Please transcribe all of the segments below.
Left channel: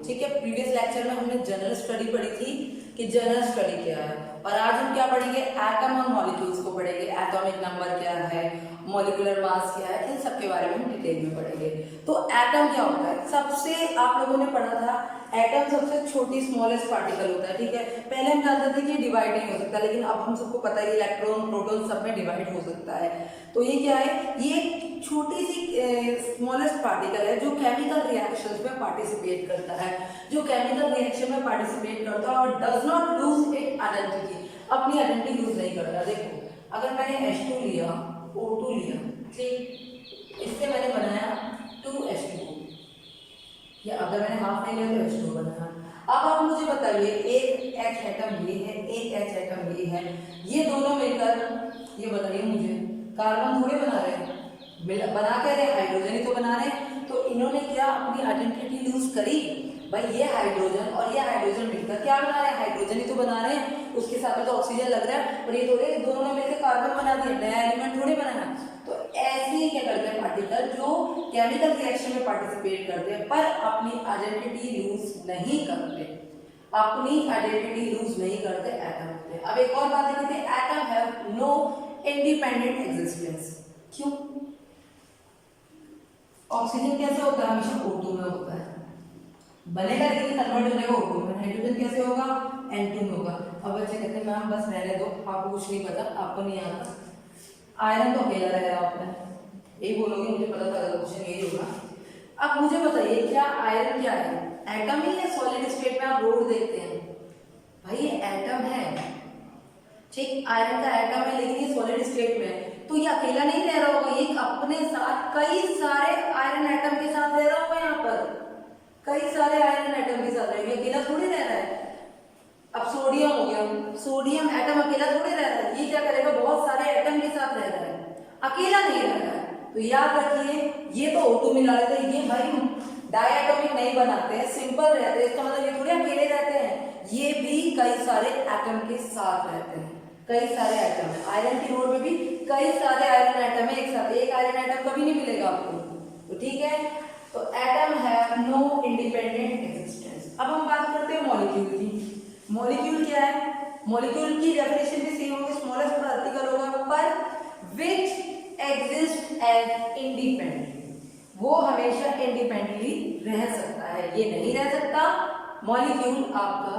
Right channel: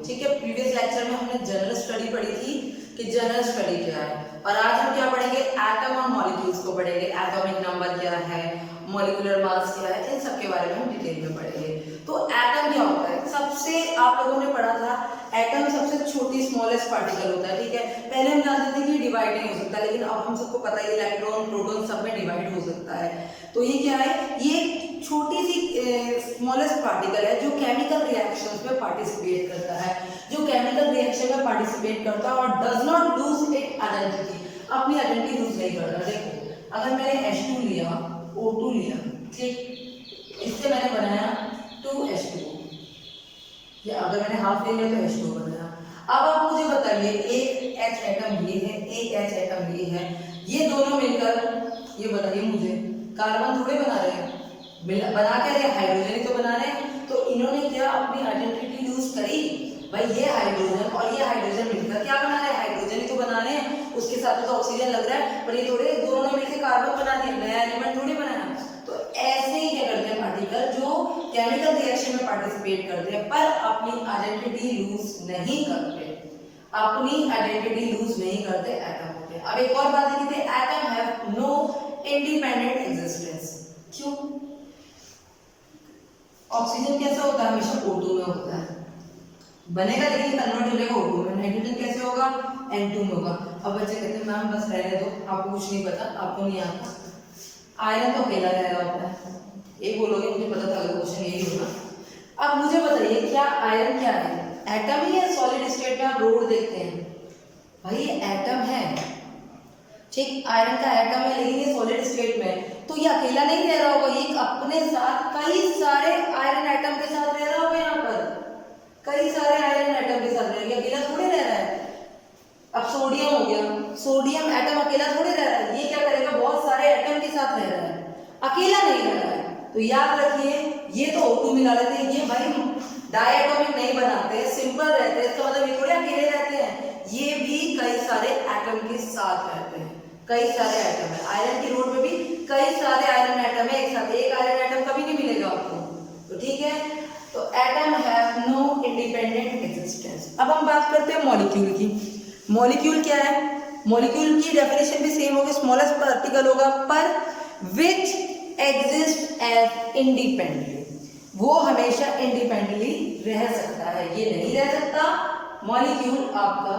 ठीक है। Previous lecture में हमने जनरल स्टडी पढ़ी थी कि जनरल स्टडी क्या है, और आज हम क्या पढ़ेंगे, एटम और मॉलिक्यूल्स को पढ़ेंगे। एटॉमिक नंबर क्या है, मॉलिक्यूलर मास क्या है, इन सब के बारे में हम डिटेल में पढ़ेंगे। तो एटम क्या होता है, सबसे आप लोगों ने पढ़ा था एटम सबसे छोटी स्मॉलेस्ट पार्टिकल होता है, ठीक है। पहले हम जानते थे कि डिवाइड नहीं हो सकता, लेकिन अब हम सबको पता है इलेक्ट्रॉन प्रोटॉन सब में डिवाइड हो सकता है। तो ये क्या है, ये छोटी सी स्मॉलेस्ट पार्टिकल है जो केमिकल रिएक्शंस में पार्टिसिपेट करता है, जो केमिकल रिएक्शन में पार्टिसिपेट करता है और does not lose it identity, अपनी आइडेंटिटी लूज नहीं करता। देखो अगर मैंने H2 लिया, O2 लिया, ठीक, इससे मैंने बनाया 2H2, या अगर मैंने हाफ ले लिया तो H2 बनाया। अब आप मुझे बताइए, एक H एटम ये है, एक H एटम ये है, ये दोनों मिलकर, ये बताइए मुझे, कार्बन थोड़े बना रहे हैं, बना क्या रहे, हाइड्रोजन ही तो बना रहे हैं। तो इन्होंने क्या अपनी आइडेंटिटी लूज करी, भाई ये हाइड्रोजन और ये हाइड्रोजन मिलकर क्या बना रहे हैं, हाइड्रोजन ही तो बना रहे हैं, उसके साथ तो ऑक्सीजन लग रहा है, पर ये थोड़े दोनों ने मिलकर कार्बन बना दिया, नया एलिमेंट थोड़ी बनाया। तो ऐसे ही क्या करते हैं पार्टिकल जो केमिकल रिएक्शन में पार्टिसिपेट करते हैं पर अपनी आइडेंटिटी लूज नहीं करते, अपनी आइडेंटिटी लूज नहीं करते, एटम होते हैं। अब एक और बात देखिए, atom have no independent existence. क्यों? ऑक्सीजन कैसे होता है, हमेशा O2 में होता है, बनेगा लेकिन कन्वर्ट हो जाएगा O2 में। हाइड्रोजन कैसे होगा, N2 में होगा। अब बच्चे कहते हैं मैम बस रहने दो, आपको कुछ नहीं पता, आपको नहीं आता। आयरन तो अकेला रह रहा होता है, यही बोलोगे, मुझे पता था क्वेश्चन यही होगा। अब मुझे बताइए क्या आयरन क्या है, एटम ही है। सॉलिड स्टेट में आप रोड देखते हैं, भाई ये एटम है, ठीक, आयरन का एटम है, लेकिन ये सॉलिड स्टेट में है, तो ये अकेला नहीं रह रहा होगा, ये अपने साथ कई सारे आयरन एटम के साथ रह रहा होगा, यहाँ पर कई सारे आयरन एटम के साथ रह रहा है, अकेला थोड़ी रह रहा है। अब सोडियम हो गया, सोडियम एटम अकेला थोड़ी रह रहा है, ये क्या करेगा, बहुत सारे एटम के साथ रह रहा है, अकेला नहीं रह रहा है। तो याद रखिए, ये तो O2 मिला लेते हैं, ये भाई डायटोमिक नहीं बनाते हैं, सिंपल रहते हैं, इसका मतलब ये थोड़े अकेले रहते हैं, ये भी कई सारे एटम के साथ रहते हैं, कई सारे एटम है। आयरन की रोड में भी कई सारे आयरन एटम है एक साथ, एक आयरन एटम कभी नहीं मिलेगा आपको, तो ठीक है। तो atom have no independent existence. अब हम बात करते हैं मॉलिक्यूल की। मॉलिक्यूल क्या है, मॉलिक्यूल की डेफिनेशन भी सेम होगी, स्मॉलेस्ट पार्टिकल होगा पर विच एग्जिस्ट एज इंडिपेंडेंटली, वो हमेशा इंडिपेंडेंटली रह सकता है, ये नहीं रह सकता। मॉलिक्यूल आपका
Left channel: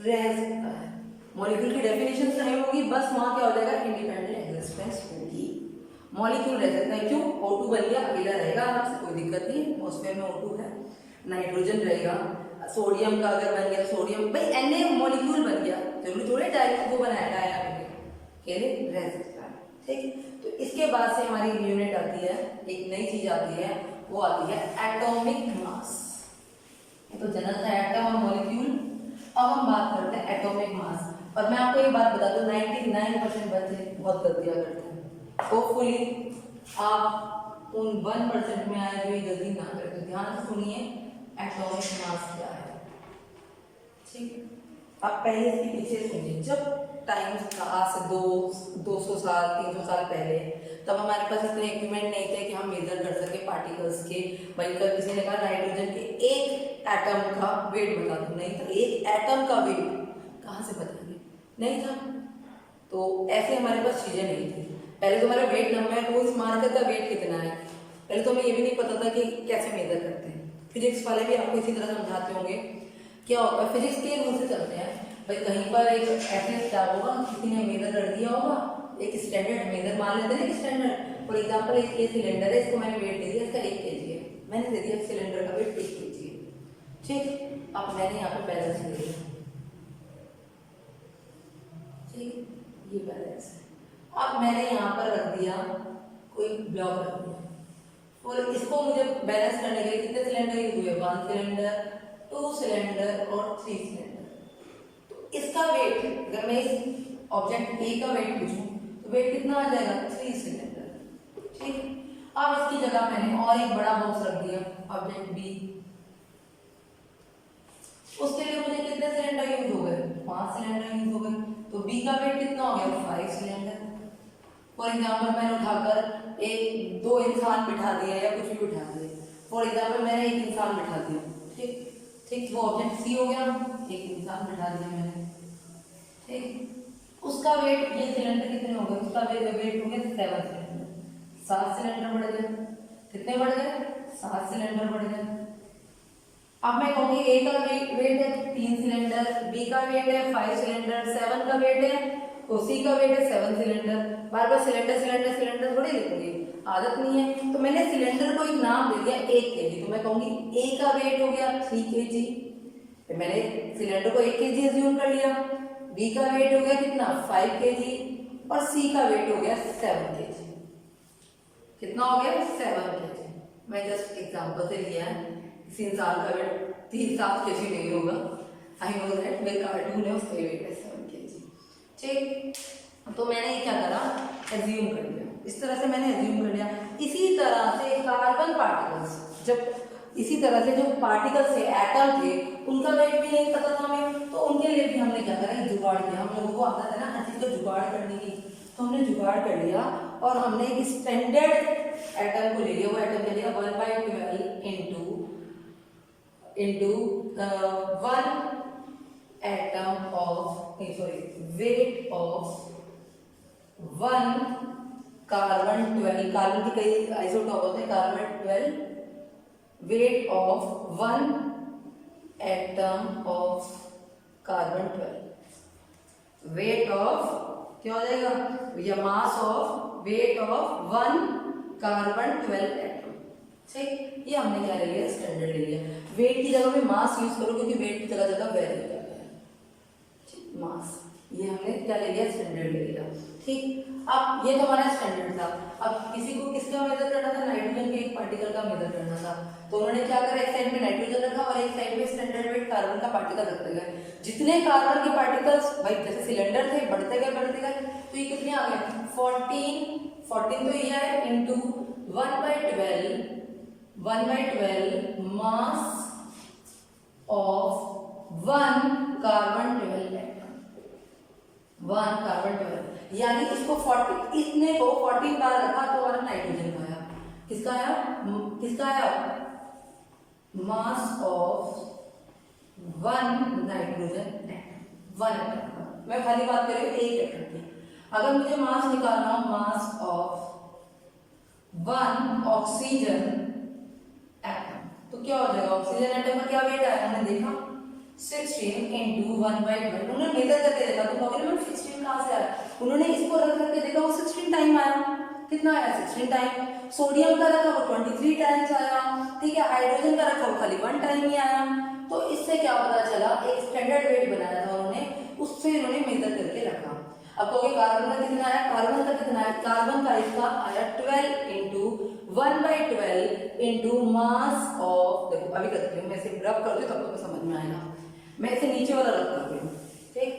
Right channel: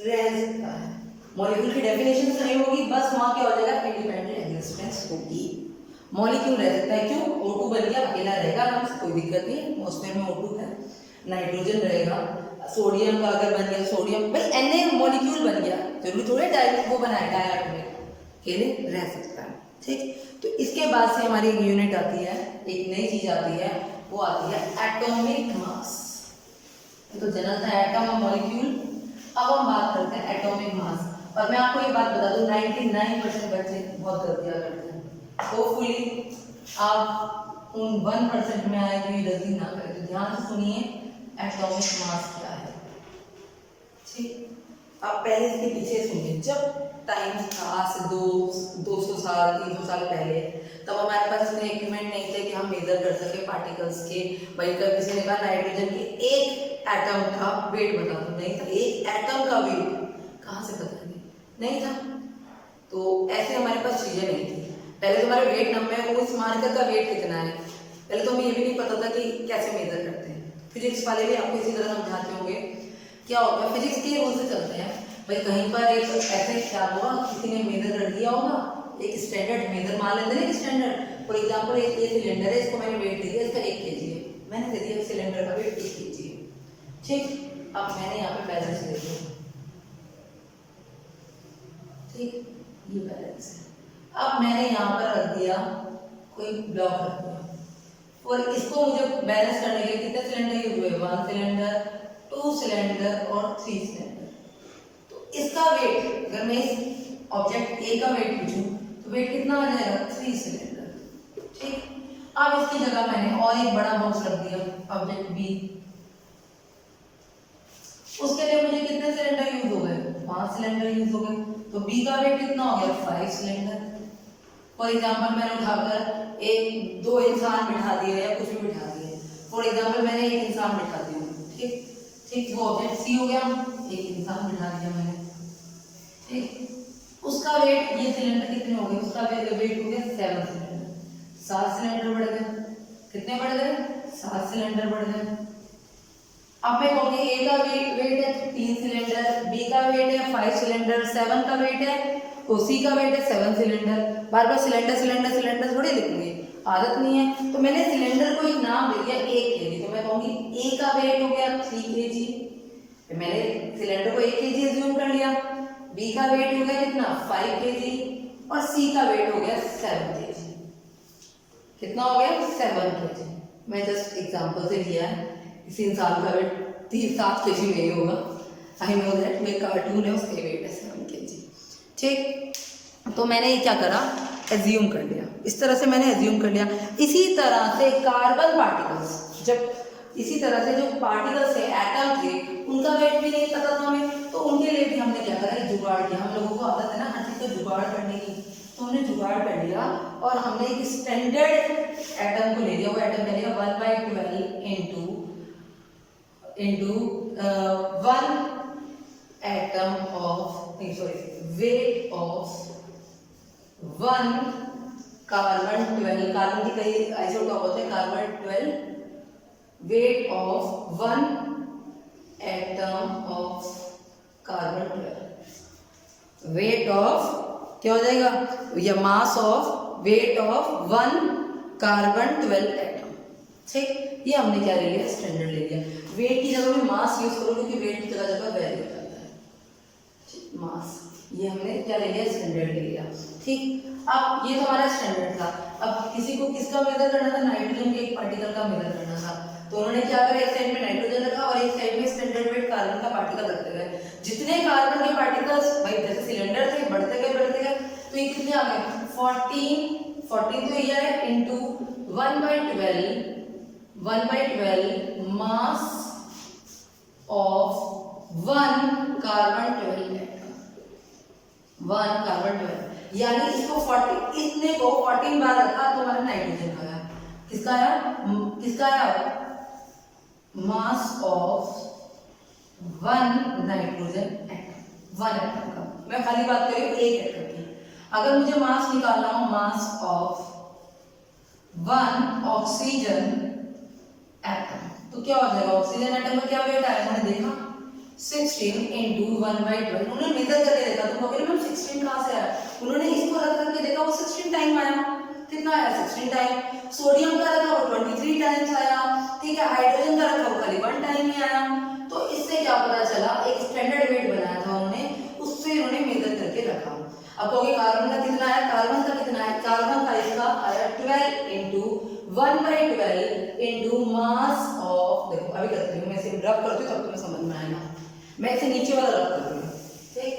रह सकता है, मॉलिक्यूल की डेफिनेशन सही होगी, बस वहां क्या हो जाएगा, इंडिपेंडेंट एग्जिस्टेंस होगी। मॉलिक्यूल रह सकता है, क्यों, O2 बन गया, अकेला रहेगा आराम से, कोई दिक्कत नहीं, एटमॉस्फेयर में O2 है। नाइट्रोजन रहेगा, सोडियम का अगर बन गया, सोडियम भाई Na मॉलिक्यूल बन गया, जरूरी थोड़े डायरेक्ट वो बनाया डायरेक्ट अकेले रह सकता है, ठीक। तो इसके बाद से हमारी एक यूनिट आती है, एक नई चीज आती है, वो आती है एटॉमिक मास। तो जनरल था एटम और मॉलिक्यूल, अब हम बात करते हैं एटॉमिक मास। और मैं आपको ये बात बता दूं, 99% बच्चे बहुत गलतियां करते हैं, होपफुली आप उन 1% में आए जो ये गलती ना करें। तो ध्यान से सुनिए, एटॉमिक मास क्या है, ठीक। आप पहले इसके पीछे सुनिए, जब टाइम था आज से 200 साल 300 साल पहले, तब हमारे पास इतने इक्विपमेंट नहीं थे कि हम मेजर कर सके पार्टिकल्स के। भाई कल किसी ने कहा नाइट्रोजन के एक एटम का वेट बता दो, नहीं था, एक एटम का वेट कहाँ से बताएंगे, नहीं था। तो ऐसे हमारे पास चीजें नहीं थी। पहले तो हमारे वेट नंबर है, तो उस मार्कर का वेट कितना है, पहले तो हमें ये भी नहीं पता था कि कैसे मेजर करते हैं। फिजिक्स वाले भी आपको इसी तरह समझाते होंगे, क्या होता है, फिजिक्स के रूल से चलते हैं। भाई कहीं पर एक ऐसे क्या होगा, किसी ने मेजर कर दिया होगा, एक स्टैंडर्ड मेजर मान लेते हैं, एक स्टैंडर्ड, फॉर एग्जांपल एक ये सिलेंडर है, इसको मैंने वेट दे दिया, इसका 1 kg है, मैंने दे दिया सिलेंडर का वेट 1 kg है, ठीक। अब मैंने यहाँ पे बैलेंस दे दिया, ठीक, ये बैलेंस है। अब मैंने यहाँ पर रख दिया कोई ब्लॉक रख दिया, और इसको मुझे बैलेंस करने के लिए कितने सिलेंडर यूज हुए, 1 सिलेंडर, 2 सिलेंडर और 3 सिलेंडर। तो इसका वेट, अगर मैं इस ऑब्जेक्ट ए का वेट पूछूं तो वेट कितना आ जाएगा, 3 सिलेंडर, ठीक। अब इसकी जगह मैंने और एक बड़ा बॉक्स रख दिया, ऑब्जेक्ट बी, उसके लिए मुझे कितने सिलेंडर यूज हो गए, 5 सिलेंडर यूज हो गए, तो बी का वेट कितना हो गया, 5 सिलेंडर। फॉर एग्जाम्पल मैंने उठाकर एक 2 इंसान बिठा दिए या कुछ भी बिठा दिए, फॉर एग्जाम्पल मैंने एक इंसान बिठा दिया, ठीक ठीक, वो ऑब्जेक्ट सी हो गया, एक इंसान बिठा दिया मैंने, ठीक। उसका वेट, ये सिलेंडर कितने हो गए, उसका वेट हो गया 7 सिलेंडर, 7 सिलेंडर बढ़ गए, कितने बढ़ गए, 7 सिलेंडर बढ़ गए। अब मैं कहूँगी ए का वेट है 3 सिलेंडर, बी का वेट है 5 सिलेंडर, 7 का वेट है, तो सी का वेट है 7 सिलेंडर। बार बार सिलेंडर सिलेंडर सिलेंडर थोड़ी लिखूंगी, आदत नहीं है। तो मैंने सिलेंडर को एक नाम दे दिया 1 kg, तो मैं कहूँगी ए का वेट हो गया 3 kg, मैंने सिलेंडर को 1 kg एज्यूम कर लिया। बी का वेट हो गया कितना 5 kg, और सी का वेट हो गया 7 kg। कितना हो गया 7 kg। मैं जस्ट एग्जांपल से लिया है, किसी इंसान का वेट 3-7 kg नहीं होगा, आई नो दैट, मेरा कार्टून है उसका वेट है 7 kg, ठीक। तो मैंने क्या करा, एज्यूम कर लिया, इस तरह से मैंने एज्यूम कर लिया। इसी तरह से कार्बन पार्टिकल्स, जब इसी तरह से जो पार्टिकल्स थे, एटम थे, उनका वेट भी नहीं पता था हमें, तो उनके लिए भी हमने क्या करा, जुगाड़ किया। हम लोगों को आदत है ना हर चीज को जुगाड़ करने की, तो हमने जुगाड़ कर लिया और हमने एक स्टैंडर्ड एटम को ले लिया। वो एटम क्या लिया, 1/12 into 1 atom of, weight of 1 carbon 12, carbon की कई आइसोटॉप होते हैं, carbon 12, weight of 1 atom of carbon 12, weight of क्या हो जाएगा, या mass of weight of 1 carbon 12 atom, ठीक। ये हमने क्या ले लिया, स्टैंडर्ड ले लिया। वेट की जगह में मास यूज करो, क्योंकि वेट की जगह जगह वैल्यू हो जाता है, ठीक, मास। ये हमने क्या ले लिया, स्टैंडर्ड ले लिया, ठीक। अब ये तो हमारा स्टैंडर्ड था। अब किसी को किसका मेजर करना था, नाइट्रोजन के एक पार्टिकल का मेजर करना था, तो उन्होंने क्या करा, एक साइड में नाइट्रोजन रखा और एक साइड में स्टैंडर्ड वेट कार्बन का पार्टिकल रखते गए। जितने कार्बन के पार्टिकल्स, भाई जैसे सिलेंडर थे, बढ़ते गए, तो ये कितने आ गए, 14 तो ये है, into 1/12 mass of 1 carbon 12 atom, 1 carbon 12, यानी इसको 40, इतने को 14 बार रखा तो हमारा नाइट्रोजन का आया, किसका आया, मास ऑफ 1 नाइट्रोजन एटम, 1 एटम का। मैं खाली बात कर रही हूँ एक एटम की। अगर मुझे मास निकालना हो, मास ऑफ 1 ऑक्सीजन एटम, तो क्या हो जाएगा, ऑक्सीजन एटम का क्या वेट आया, हमने देखा 16 इंटू 1/12, उन्होंने मेजर करके देखा, तो कहोगे मैम 16 कहाँ से आया, उन्होंने इसको रख करके देखा, वो 16 टाइम आया, कितना आया, 16 टाइम। सोडियम का रखा वो 23 टाइम्स आया, ठीक है। हाइड्रोजन का रखा वो खाली 1 टाइम ही आया। तो इससे क्या पता चला, एक स्टैंडर्ड वेट बनाया था उन्होंने, उससे उन्होंने मेजर करके रखा। अब कहोगे कार्बन का कितना आया, कार्बन का कितना आया, कार्बन का इसका आया 12 इंटू 1/12 इंटू मास ऑफ, देखो अभी करती हूँ मैं, इसे रब करती हूँ तब तुम्हें समझ में आएगा, मैं इसे नीचे वाला रब करती हूँ, ठीक।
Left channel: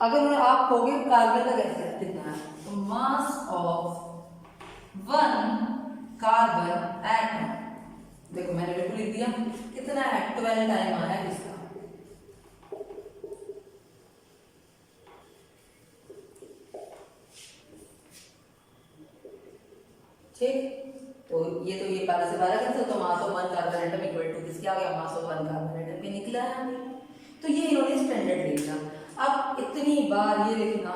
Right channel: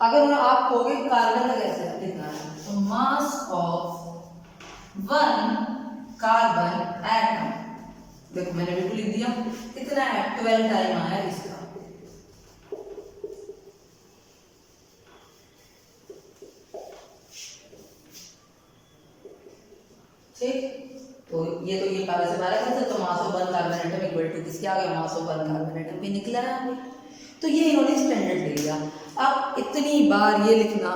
अगर आप कहोगे कार्बन का कैसे कितना है, तो मास ऑफ 1 कार्बन एटम, देखो मैंने बिल्कुल लिख दिया, कितना है 12 टाइम आया इसका, ठीक। तो ये 12 से 12 कैंसिल, तो mass of 1 carbon atom equal to किसके आ गया, मास ऑफ 1 कार्बन एटम भी निकला है हमें। तो ये इन्होंने स्टैंडर्ड ले लिया। अब इतनी बार ये लिखना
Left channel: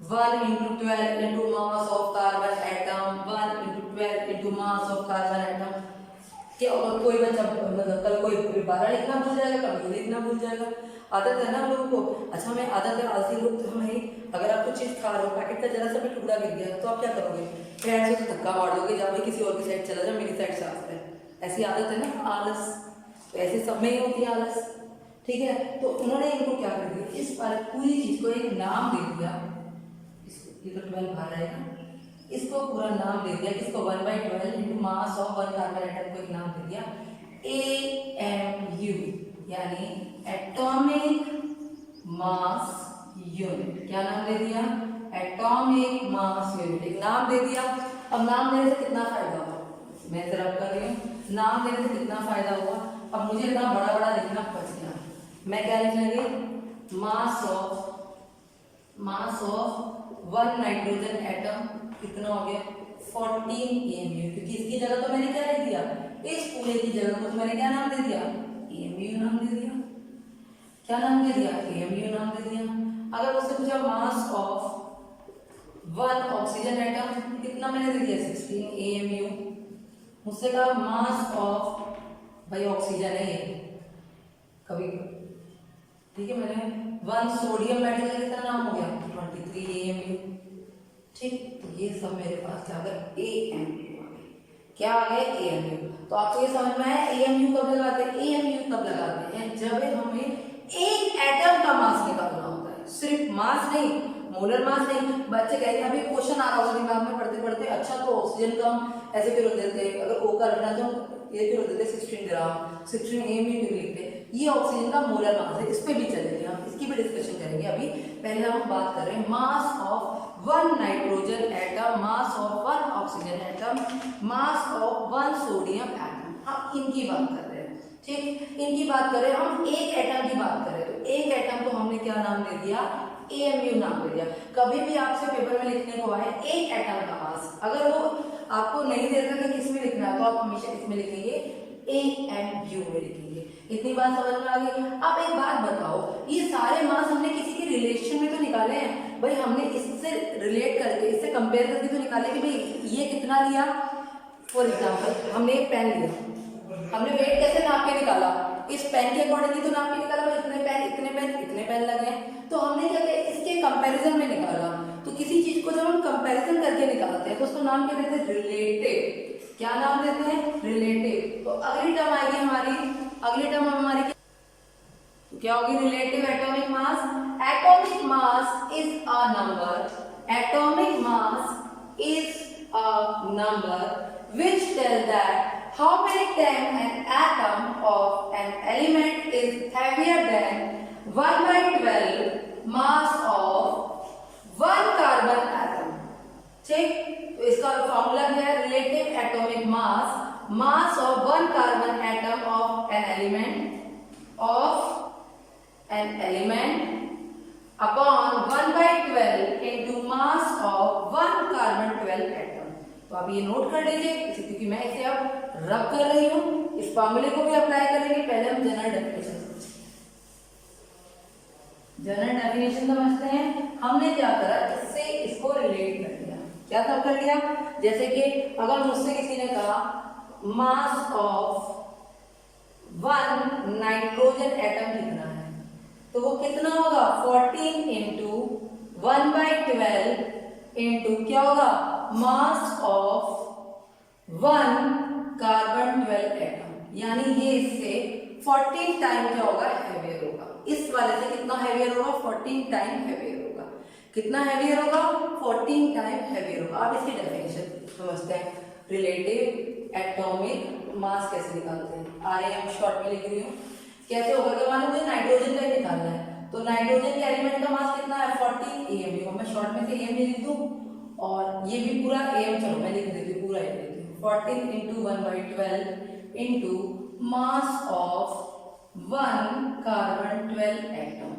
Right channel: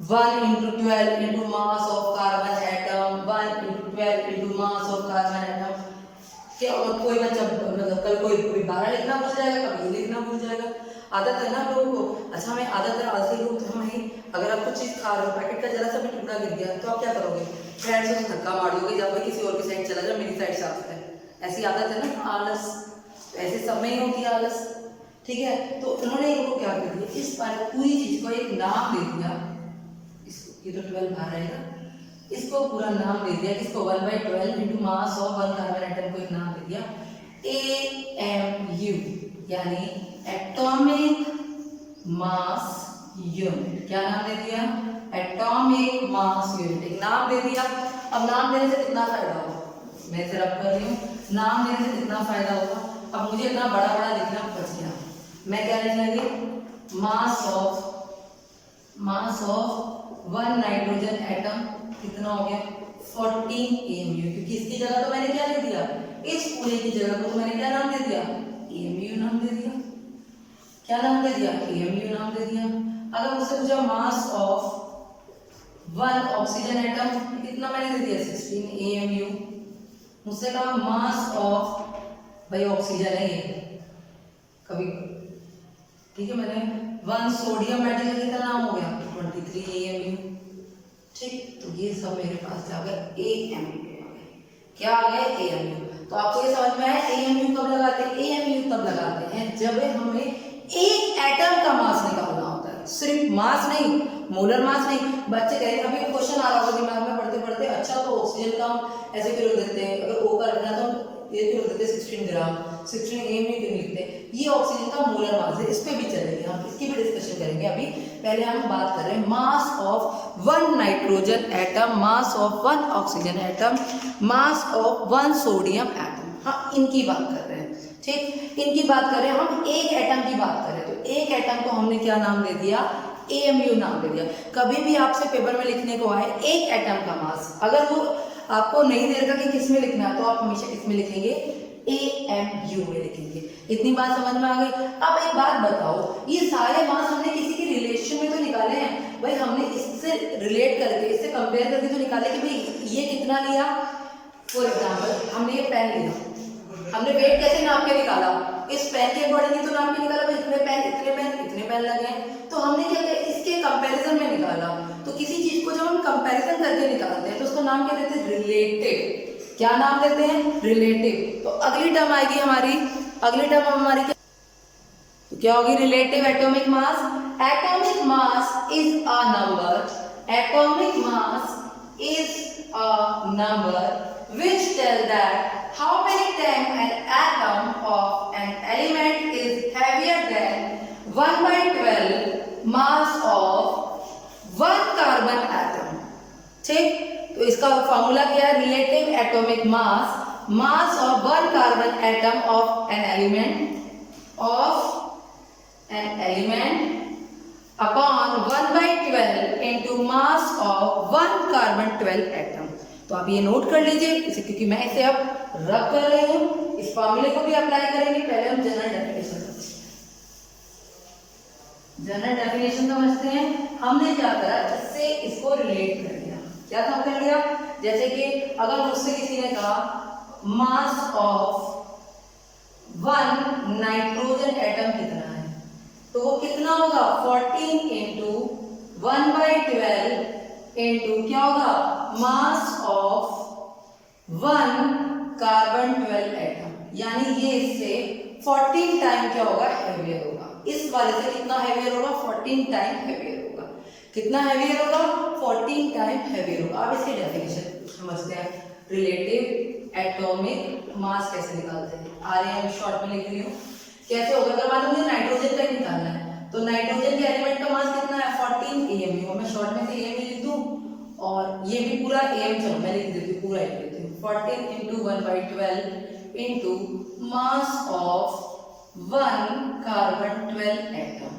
1 into 12 into mass of carbon atom, 1 into 12 into mass of carbon atom, क्या कोई बच्चा मतलब कल कोई 12 लिखना भूल जाएगा, कभी ये लिखना भूल जाएगा, आदत है ना हम लोगों को। अच्छा हमें आदत है, आलसी लोग तो हमें, अगर आप कुछ चीज़ खा रहे हो, पैकेट का जरा सा भी टुकड़ा गिर गया तो आप क्या करोगे, फ्रेंड से धक्का मार दोगे, या भाई किसी और की साइड चला जाओ, मेरी साइड साफ है, ऐसी आदत है ना, आलस। तो ऐसे सब में ही होती है आलस, ठीक है। तो उन्होंने इनको क्या कर दिया, इस पूरी चीज को एक नाम दे दिया, इसको ये तो 12 बाहर रहेगा, इसको पूरा नाम दे दिया, इसको 1/12 into mass of 1 carbon atom को एक नाम दे दिया AMU, यानी एटॉमिक मास यूनिट। क्या नाम दे दिया, एटॉमिक मास यूनिट, एक नाम दे दिया। अब नाम देने से कितना फायदा होगा, मैं इसे रब कर रही हूँ, नाम देने से कितना फायदा होगा। अब मुझे इतना बड़ा बड़ा लिखना बच गया, मैं क्या लिखने लगी, मास ऑफ 1 नाइट्रोजन एटम कितना हो गया 14 AMU, क्योंकि इसकी जगह तो मैंने क्या लिख दिया, इस पूरे की जगह को तो मैंने क्या नाम दे दिया, AMU क्या नाम दे दिया, AMU नाम दे दिया। अगर मुझसे पूछा mass of one oxygen atom, कितना मैंने दे दिया 16 AMU। मुझसे कहा मास ऑफ, भाई ऑक्सीजन है ये, कभी ठीक है, मैंने वन सोडियम मेटल का कितना नाम हो गया 23 AMU। ठीक, तो ये सब मेरे पास क्या आ गया, AMU आ गए। क्या आ गया, AMU। तो आपको ये समझ में आया AMU कब लगाते हैं, AMU तब लगाते हैं जब हमें एक एटम का मास निकालना होता है, सिर्फ मास नहीं, मोलर मास नहीं। बच्चे कहेंगे अभी क्वेश्चन आ रहा होगा दिमाग में पढ़ते पढ़ते, अच्छा तो ऑक्सीजन का हम ऐसे क्यों देते हैं, अगर O का रखना तो ये क्यों देते 16 ग्राम, 16 AMU क्यों लिखते हैं, ये ऑक्सीजन का मोलर मास है। इस पे भी चलेंगे हम, इसकी भी डिस्कशन करेंगे। अभी पहले हम बात कर रहे हैं mass of one nitrogen atom, mass of one oxygen atom, mass of one sodium atom. हम इनकी बात कर रहे हैं, ठीक, इनकी बात कर रहे हैं हम, एक एटम की बात कर रहे हैं। तो एक एटम को हमने क्या नाम दे दिया, AMU नाम दे दिया। कभी भी आपसे पेपर में लिखने को आए एक एटम का मास, अगर वो आपको नहीं दे रखा कि किस में लिखना है, तो आप हमेशा किस में लिखेंगे, AMU में लिखेंगे। इतनी बात समझ में आ गई। अब एक बात बताओ, ये सारे मास हमने किसी के रिलेशन में तो निकाले हैं भाई, हमने इससे रिलेट करके, इससे कंपेयर करके तो निकाले कि भाई ये कितना लिया। फॉर एग्जाम्पल हमने एक पेन लिया, हमने वेट कैसे नाप के निकाला, इस पेन के अकॉर्डिंग ही तो नाप के निकाला भाई, इतने पेन लगे, तो हमने क्या किया, इसके कंपैरिजन में निकाला। तो किसी चीज को जब हम कंपैरिजन करके निकालते हैं तो उसको नाम क्या देते हैं, रिलेटिव। क्या नाम देते हैं, रिलेटिव। तो अगली टर्म आएगी हमारी, अगली टर्म हमारी तो क्या होगी, relative atomic mass. Atomic mass is a number, atomic mass is a number which tell that how many time an atom of an element is heavier than 1/12 mass of one carbon atom। ठीक, तो इसका formula क्या है, relative atomic mass, mass of one carbon atom of an element upon 1/12 into mass of one carbon 12 atom. तो आप ये note कर लीजिए, क्योंकि मैं इसे अब रब कर रही हूं, इस फॉर्मूले को भी अप्लाई करेंगे। पहले हम जनरल डेफिनेशन समझते हैं। हमने क्या करा, इससे इसको रिलेट कर दिया। क्या काम कर लिया, जैसे कि अगर मुझसे किसी ने कहा mass of one nitrogen atom कितना है, तो वो कितना होगा, 14 into 1/12 into क्या होगा, mass of one carbon 12 atom. यानी ये इससे 14 टाइम क्या होगा, हेवियर होगा। इस वाले से कितना हेवियर होगा, 14 टाइम हेवियर होगा। कितना हेवियर होगा, 14 टाइम हेवियर होगा। अब इसकी डेफिनेशन समझते हैं। रिलेटिव एटॉमिक मास कैसे निकालते हैं, RAM शॉर्ट में लिख रही हूँ। कैसे होगा, अगर मान लो मुझे नाइट्रोजन का ही निकालना है, तो नाइट्रोजन के एलिमेंट का मास कितना है, 14 AMU। मैं शॉर्ट में से AMU लिख दूं, और ये भी पूरा AM, चलो मैं लिख देती हूँ, पूरा लिख देती हूँ, 14 into 1/12 into mass of one carbon 12 atom.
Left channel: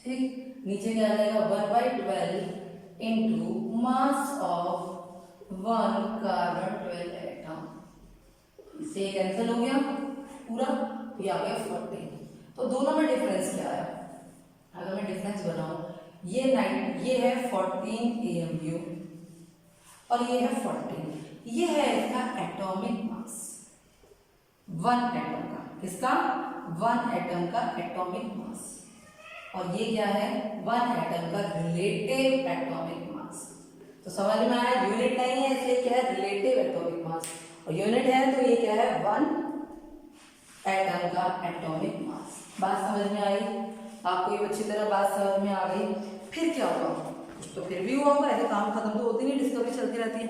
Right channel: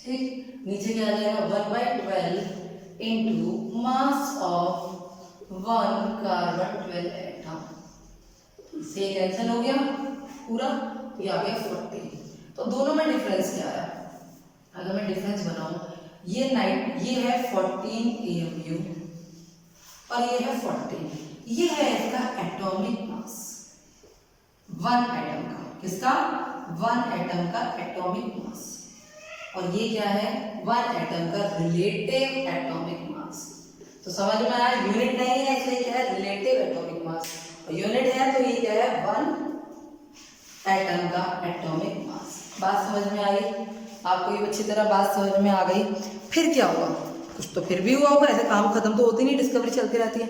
ठीक, नीचे क्या आ जाएगा, 1/12 into mass of one carbon 12 atom. इससे कैंसिल हो गया पूरा, तो ये आ गया 14। तो दोनों में डिफरेंस क्या है, अगर मैं डिफरेंस बनाऊं, ये है 14 AMU और ये है 14। ये है इसका एटॉमिक मास, वन एटम का, किसका, वन एटम का एटॉमिक मास। और ये क्या है, वन एटम का रिलेटिव एटॉमिक मास। तो समझ में आया, यूनिट नहीं है इसलिए क्या है, रिलेटिव एटॉमिक मास, और यूनिट है तो ये क्या है, वन एटम का एटॉमिक मास। बात समझ में आई आपको, ये अच्छी तरह बात समझ में आ गई। फिर क्या हुआ, कुछ तो फिर भी हुआ होगा, ऐसे काम खत्म तो होती नहीं, डिस्कवरी चलती रहती है।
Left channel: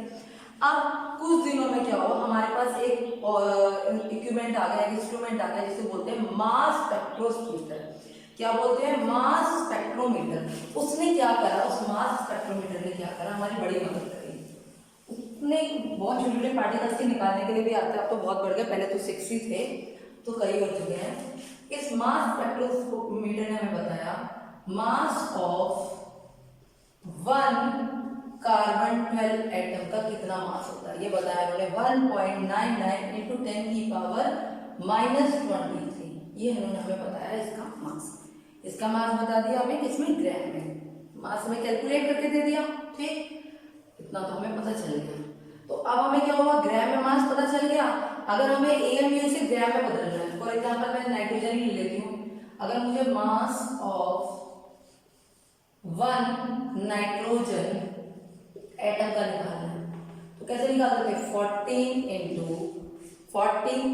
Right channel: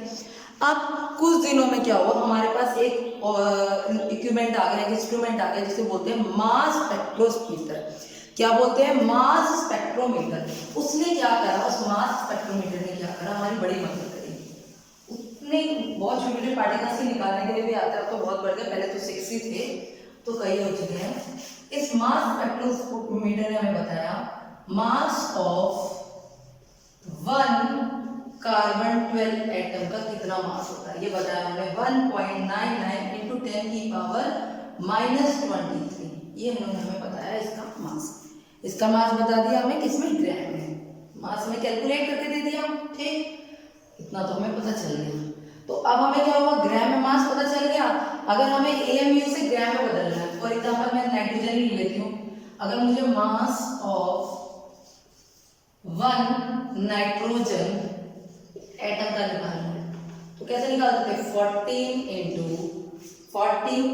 अब कुछ दिनों में क्या हुआ, हमारे पास एक इक्विपमेंट आ गया, एक इंस्ट्रूमेंट आ गया, जिसे बोलते हैं मास स्पेक्ट्रोमीटर। क्या बोलते हैं, मास स्पेक्ट्रोमीटर। उसने क्या करा, उस मास स्पेक्ट्रोमीटर ने क्या करा, हमारी बड़ी मदद करी। उसने बहुत छोटे छोटे पार्टिकल्स के निकालने के लिए भी आता है, अब तो बहुत बढ़ गया, पहले तो 6 ही थे, तो कई हो चुके हैं। इस मास स्पेक्ट्रोमीटर ने हमें बताया mass of one carbon 12 atom का कितना मास होता है, ये बताया उन्होंने 1.99 × 10⁻⁻23। ये उन्होंने हमें बताया इसका मास। इसका मास बता दिया हमें किसमें, ग्राम में। मास हमें कैलकुलेट करके दे दिया, ठीक, इतना तो हमें पता चल गया। तो अब हमें क्या हुआ, ग्राम में मास पता चल गया। अगर हमें AMU से ग्राम में बदलना है, फॉर एग्जाम्पल मैं नाइट्रोजन ही लेती हूँ, अगर मुझे मास ऑफ 1 नाइट्रोजन एटम का निकालना है तो कैसे निकालते थे, 14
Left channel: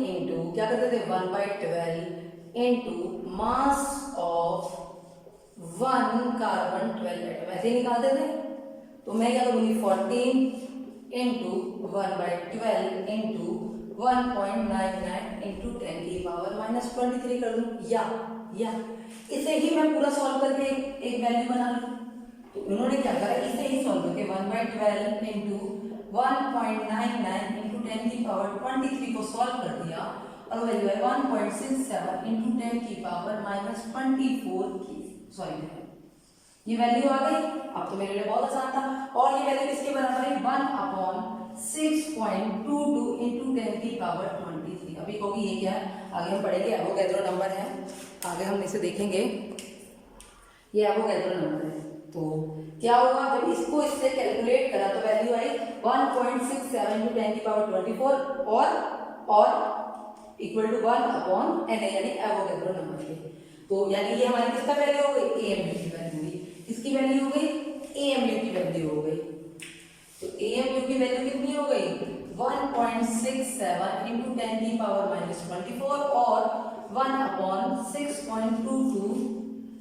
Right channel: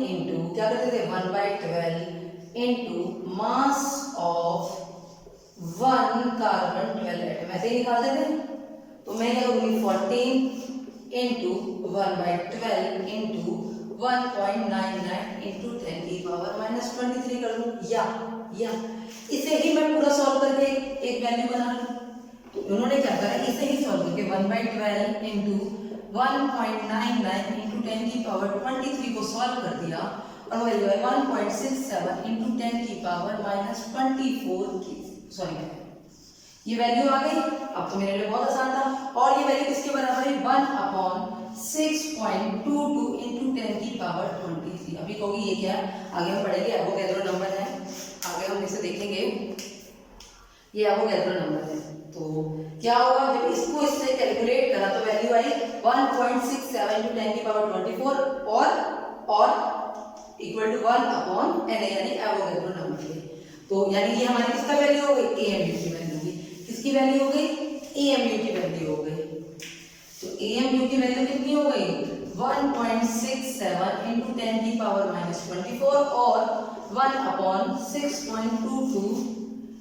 इंटू क्या करते थे, 1/12 into mass of 1 carbon 12 atom, ऐसे ही निकालते थे। तो मैं क्या करूँगी, 14 इंटू 1/12 इंटू 1.99 इंटू 10⁻⁻³ कर दूँ, या इसे ही मैं पूरा सॉल्व करके एक वैल्यू बना लूँ। तो उन्होंने क्या करा, इसे ही सॉल्व करके 1/12 इंटू 1.99 इंटू 10⁻23 को सॉल्व कर दिया और वैल्यू है 1.67 इंटू 10⁻24 की, सॉरी ये वैल्यू आ गई। अब तो मेरे लिए बहुत आसान था। और ये वैल्यू किसके बराबर है, 1/6.22 इंटू 10⁻23। अभी कहोगी ये क्या है, आगे हम पढ़ेंगे, एवोगैड्रो नंबर है, आगे हम इसे देखेंगे, ये एवोगैड्रो नंबर है। तो क्या होगा, जब इसको इससे कैलकुलेट करा तो वैल्यू आई 1.67 इंटू 10⁻24 और इक्वल टू 1/Na, यानी एवोगैड्रो नंबर के। तो यानी ये हमारी किसका वैल्यू हो गई, AMU की वैल्यू होगी। किसकी वैल्यू हो गई, AMU की वैल्यू हो गई। तो AMU की वैल्यू कितनी हो गई, 1.67 इंटू 10⁻24 और 1/6.22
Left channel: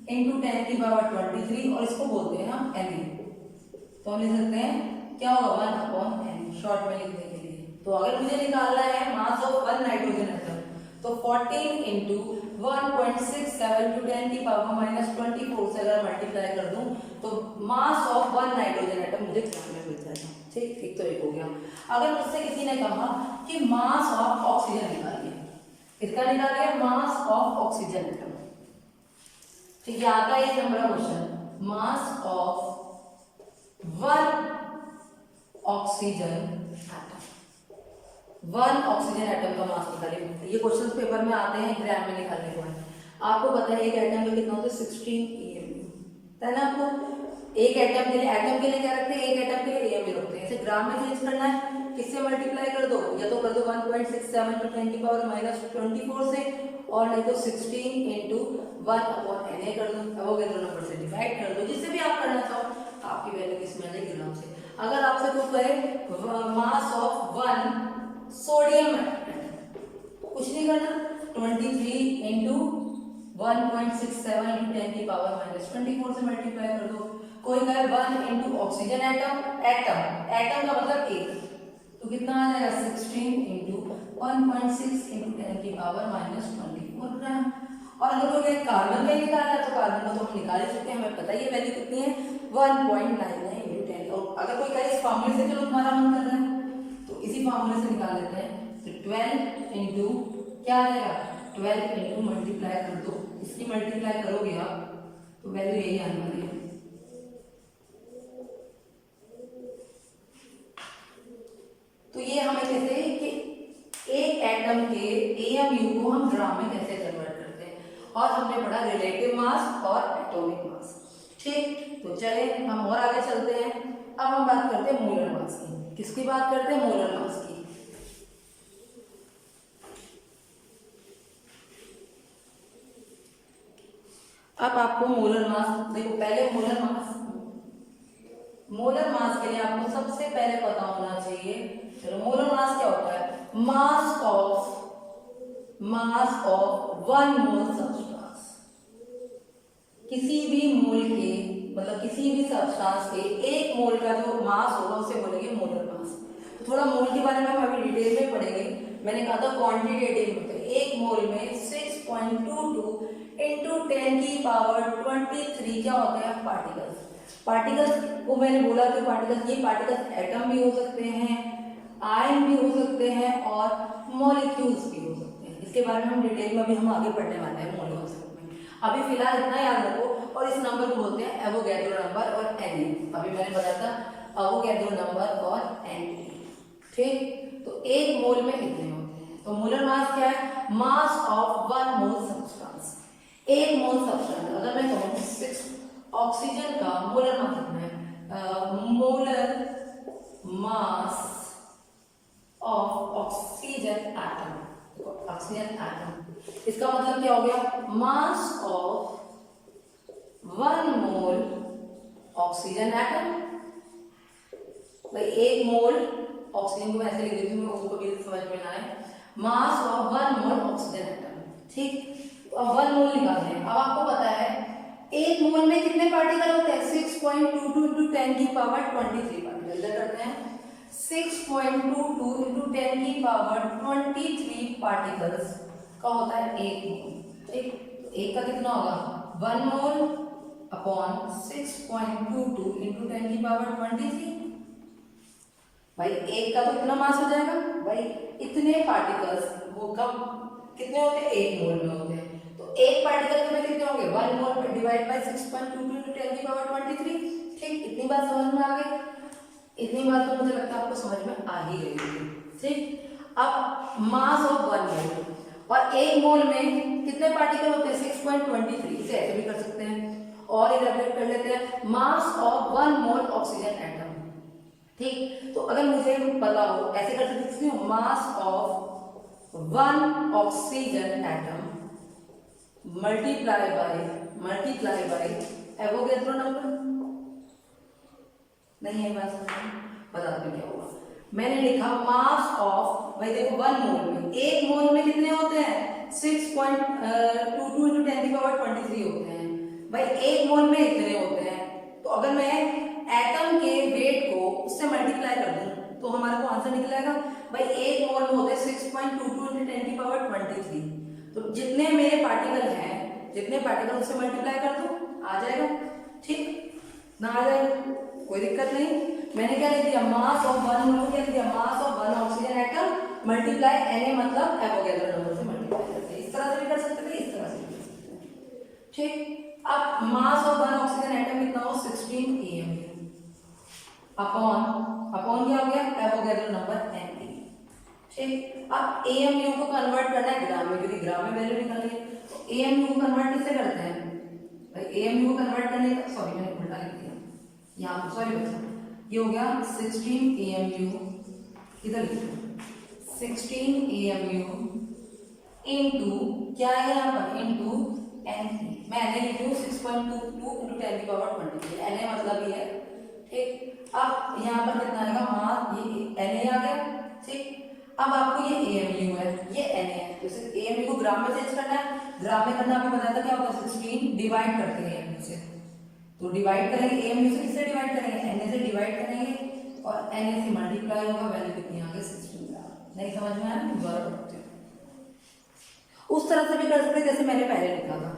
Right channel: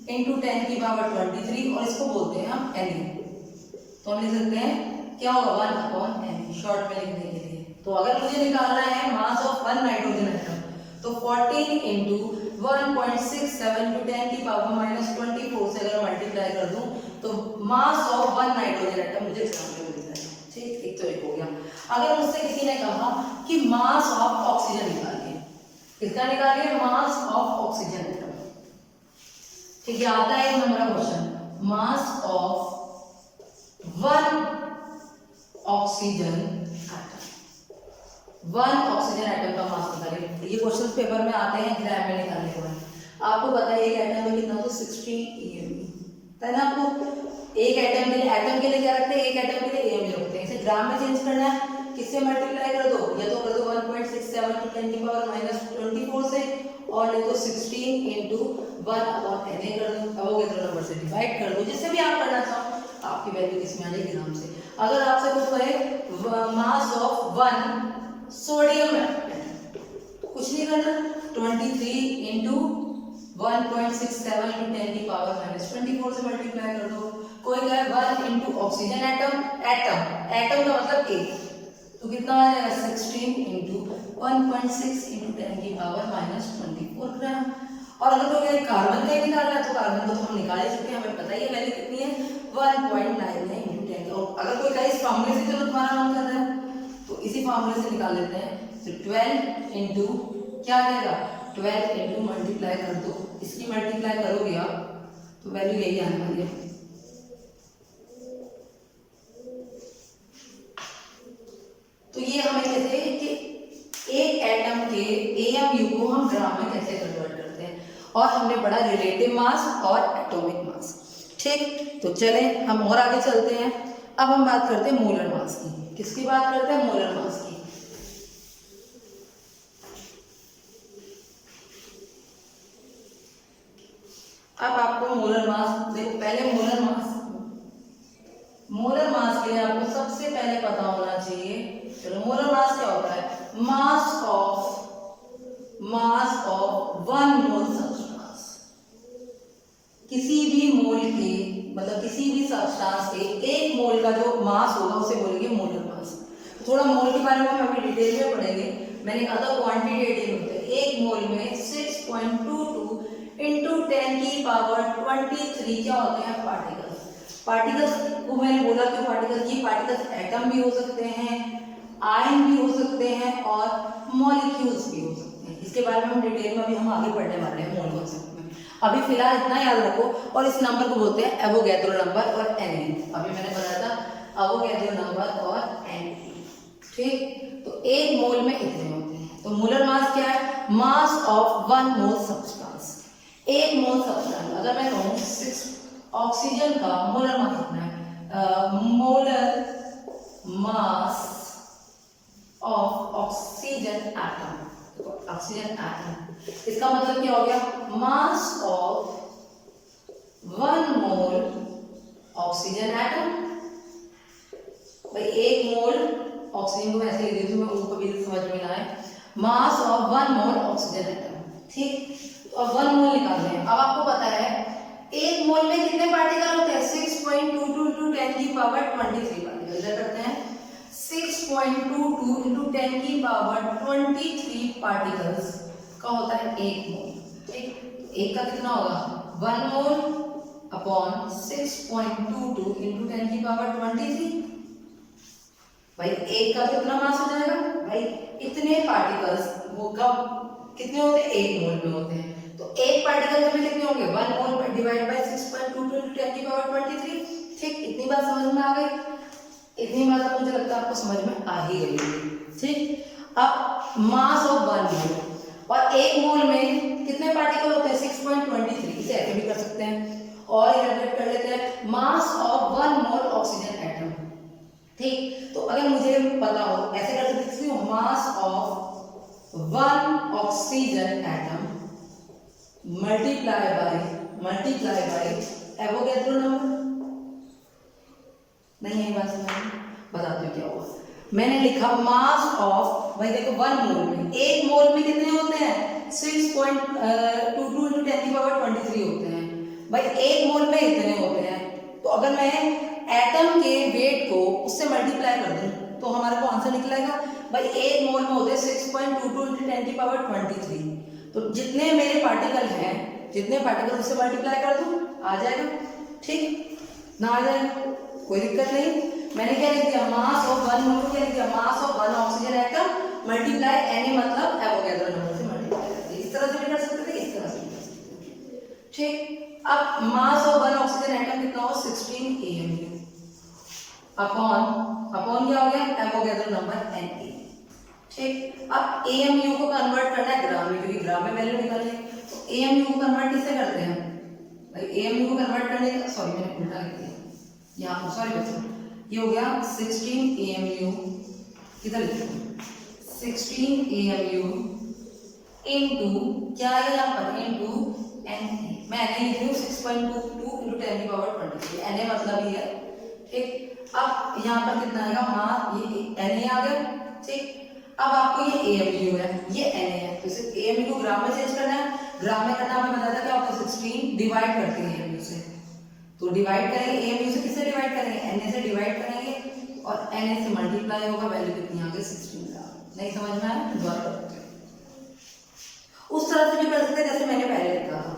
इंटू 10⁻23 और इसको बोलते हैं हम Na। तो हम लिख सकते हैं क्या होगा, 1/Na शॉर्ट में लिखने के लिए। तो अगर मुझे निकालना है मास ऑफ 1 नाइट्रोजन एटम तो 14 इंटू 1.67 इंटू 10⁻24 से अगर मल्टीप्लाई कर दूं तो मास ऑफ 1 नाइट्रोजन एटम मुझे ग्राम में मिल जाएगा, ठीक, एक तो एक हो गया। अगर मुझसे किसी ने कहा कि मास ऑफ ऑक्सीजन निकालिए, किसका निकालिए, मास ऑफ ऑक्सीजन एटम, ठीक है, आता है एक नंबर का question, mass of 1 oxygen atom, 1 oxygen atom का मास निकालिए। ये क्वेश्चन पेपर में आते हैं ग्राम में निकालने के बाद। आपको पता है एक एटम में कितना होता है, 16 AMU, है ना। आपको एक एटम के लिए क्या रखते हैं, एक एटम के लिए AMU रखते हैं। इसे ग्राम में चेंज करना है, किससे मल्टीप्लाई कर दो, या तो कर दो 1.67 टू 10⁻24 से, और नहीं तो 16 इंटू 1/Na कर दो, एवोगैड्रो नंबर से डिवाइड कर दो, जिससे भी आप करना चाहो। आपकी वैल्यू किस में आ जाएगी, ग्राम से। अगर आपसे कोई कहे मास ऑफ 1 सोडियम एटम, कुछ नहीं करना, 23 इंटू 1.67 इंटू 10⁻⁻24 से मल्टीप्लाई कर दो। कोई कहे 1 इंटू ऑक्सीजन एटम का मतलब एक, तो कितना आ जाएगा, 16 इंटू 1.6 इंटू 10⁻⁻24 ग्राम। और अगर कोई कहे कार्बन का ही निकालना है तो कार्बन को तो हम निकाल ही चुके हैं, हमें पता ही है वैल्यू कितनी है, 1.99 इंटू 10। और अगर कोई कहे इस फार्मूले से, चलो तुम्हारा मन कर रहा है तो इसी फार्मूले से निकाल लेते हैं। तो 12 इंटू क्या आ जाएगा, 12 इंटू मल्टीप्लाई कर दो, इसकी मल्टीप्लाई करोगे आप तो वैल्यू यही आने वाली है। तो ये हमें कैसे कि एक एटम के AMU को हम ग्राम में कैसे कन्वर्ट करते हैं, और हमने पढ़ा रिलेटिव मास और एटॉमिक मास, ठीक। तो चले हम और आगे चलते हैं। अब हम बात करते हैं मोलर मास की। किसकी बात करते हैं, मोलर मास की। अब आपको मोलर मास देखो, पहले मोलर मास के लिए आपको सबसे पहले पता होना चाहिए, चलो मोलर मास क्या होता है, मास ऑफ 1 मोल सब्सटेंस। किसी भी मोल के मतलब किसी भी सब्सटेंस के 1 मोल का जो मास होगा उसे बोलेंगे मोलर मास। तो थोड़ा मोल के बारे में हम अभी डिटेल में पढ़ेंगे। मैंने कहा था क्वांटिटेटिव होते हैं, 1 मोल में 6.22 इंटू 10⁻23 क्या होते हैं, पार्टिकल्स को मैंने बोला कि पार्टिकल्स एटम भी हो सकते हैं, आयन भी हो सकते हैं और मॉलिक्यूल्स भी हो सकते हैं। इसके बारे में हम डिटेल में अभी हम आगे पढ़ने वाले हैं मोल कॉन्सेप्ट में। अभी फिलहाल इतना याद रखो, और इस नंबर को बोलते हैं एवोगैड्रो नंबर और Na। अभी मैंने बताया था एवोगैड्रो नंबर और Na, ठीक। तो 1 मोल में इतने होते हैं। तो मोलर मास क्या है, मास ऑफ 1 मोल सब्सटेंस। एक मोल सब्सटेंस, अगर मैं कहूँ 6 ऑक्सीजन का मोलर मास कितना है, molar mass of oxygen atom, oxygen atom, इसका मतलब क्या हो गया, मास ऑफ 1 मोल ऑक्सीजन एटम। भाई 1 मोल ऑक्सीजन को मैं ऐसे लिख देती हूँ, मैं उनको भी समझ में ना आए, मास ऑफ 1 मोल ऑक्सीजन एटम, ठीक। तो अब 1 मोल निकालते हैं। अब आपको पता है 1 मोल में कितने पार्टिकल होते हैं, 6.22 into 10 की पावर 23 पार्टिकल। इधर करते हैं 6.22 into 10 की पावर 23 पार्टिकल्स का होता है 1 मोल, ठीक। एक का कितना होगा, 1 मोल अपॉन 6.22 into 10 की पावर 23। भाई एक का कितना मास हो जाएगा, भाई इतने पार्टिकल्स वो कब कितने होते हैं, 1 मोल में होते हैं। तो एक पार्टिकल में कितने होंगे, 1 मोल पर डिवाइड बाय 6.22 into 10 की पावर 23, ठीक। इतनी बात समझ में आ गई, इतनी बात तो मुझे लगता है आपको समझ में आ ही गई होगी, ठीक। अब मास ऑफ 1 मोल, और 1 मोल में कितने पार्टिकल होते हैं, 6.23, इसे ऐसे भी कर सकते हैं और इलेबोरेट कर लेते हैं, मास ऑफ 1 मोल ऑक्सीजन एटम, ठीक। तो अगर मुझे पता हो, ऐसे कर सकते हैं, मास of 1 oxygen atom multiply by Avogadro number. नहीं है बात समझ, बताते हैं क्या हुआ। मैंने लिखा मास ऑफ, भाई देखो 1 मोल में, 1 मोल में कितने होते हैं, 6.22 into 10 की पावर 23 होते हैं। भाई 1 मोल में इतने होते हैं, तो अगर मैं एटम के वेट को उससे मल्टीप्लाई कर दूं तो हमारे को आंसर निकलेगा। भाई 1 मोल में होते हैं 6.22 into 10 की पावर 23, तो जितने मेरे पार्टिकल हैं, जितने पार्टिकल उससे मल्टीप्लाई कर दूं आ जाएगा, ठीक ना, आ जाएगा, कोई दिक्कत नहीं। मैंने क्या लिख दिया, मास ऑफ 1 मोल को क्या लिख दिया, मास of 1 oxygen atom multiply Na मतलब एवोगैड्रो नंबर से मल्टीप्लाई करते हैं। इस तरह से भी कर सकते थे, इस तरह से भी कर सकते हैं, ठीक। अब मास ऑफ 1 ऑक्सीजन एटम कितना हो, 16 AMU अपॉन क्या हो गया, एवोगैड्रो नंबर Na, ठीक। अब AMU को कन्वर्ट करना है ग्राम में, क्योंकि ग्राम में वैल्यू निकाली है, तो AMU को कन्वर्ट किससे करते हैं, भाई AMU को कन्वर्ट करने का, सॉरी मैंने उल्टा लिख दिया यहाँ, सॉरी बच्चों, ये हो गया 16 AMU, किधर लिखा, 16 AMU इनटू क्या है यहाँ पर, इनटू Na। मैं Na लिख रही हूँ 6.22 into 10 की पावर 23, Na मतलब ये है, ठीक। अब यहाँ पर कितना आएगा, ये Na आ गया, ठीक। अब आपको ये AMU है, ये Na है, तो इसे AMU को ग्राम में चेंज करना है। ग्राम में करना आपको बताया था क्या होता है, 16 डिवाइड करते हैं AMU से, तो डिवाइड करेंगे AMU से, किससे डिवाइड करेंगे, Na से डिवाइड करेंगे और Na से मल्टीप्लाई होगा, वैल्यू कितनी आ गई 16। नहीं समझ में आया, दोबारा करते हैं। उस तरह से भी कर सकते हैं जैसे मैंने पहले लिखा था।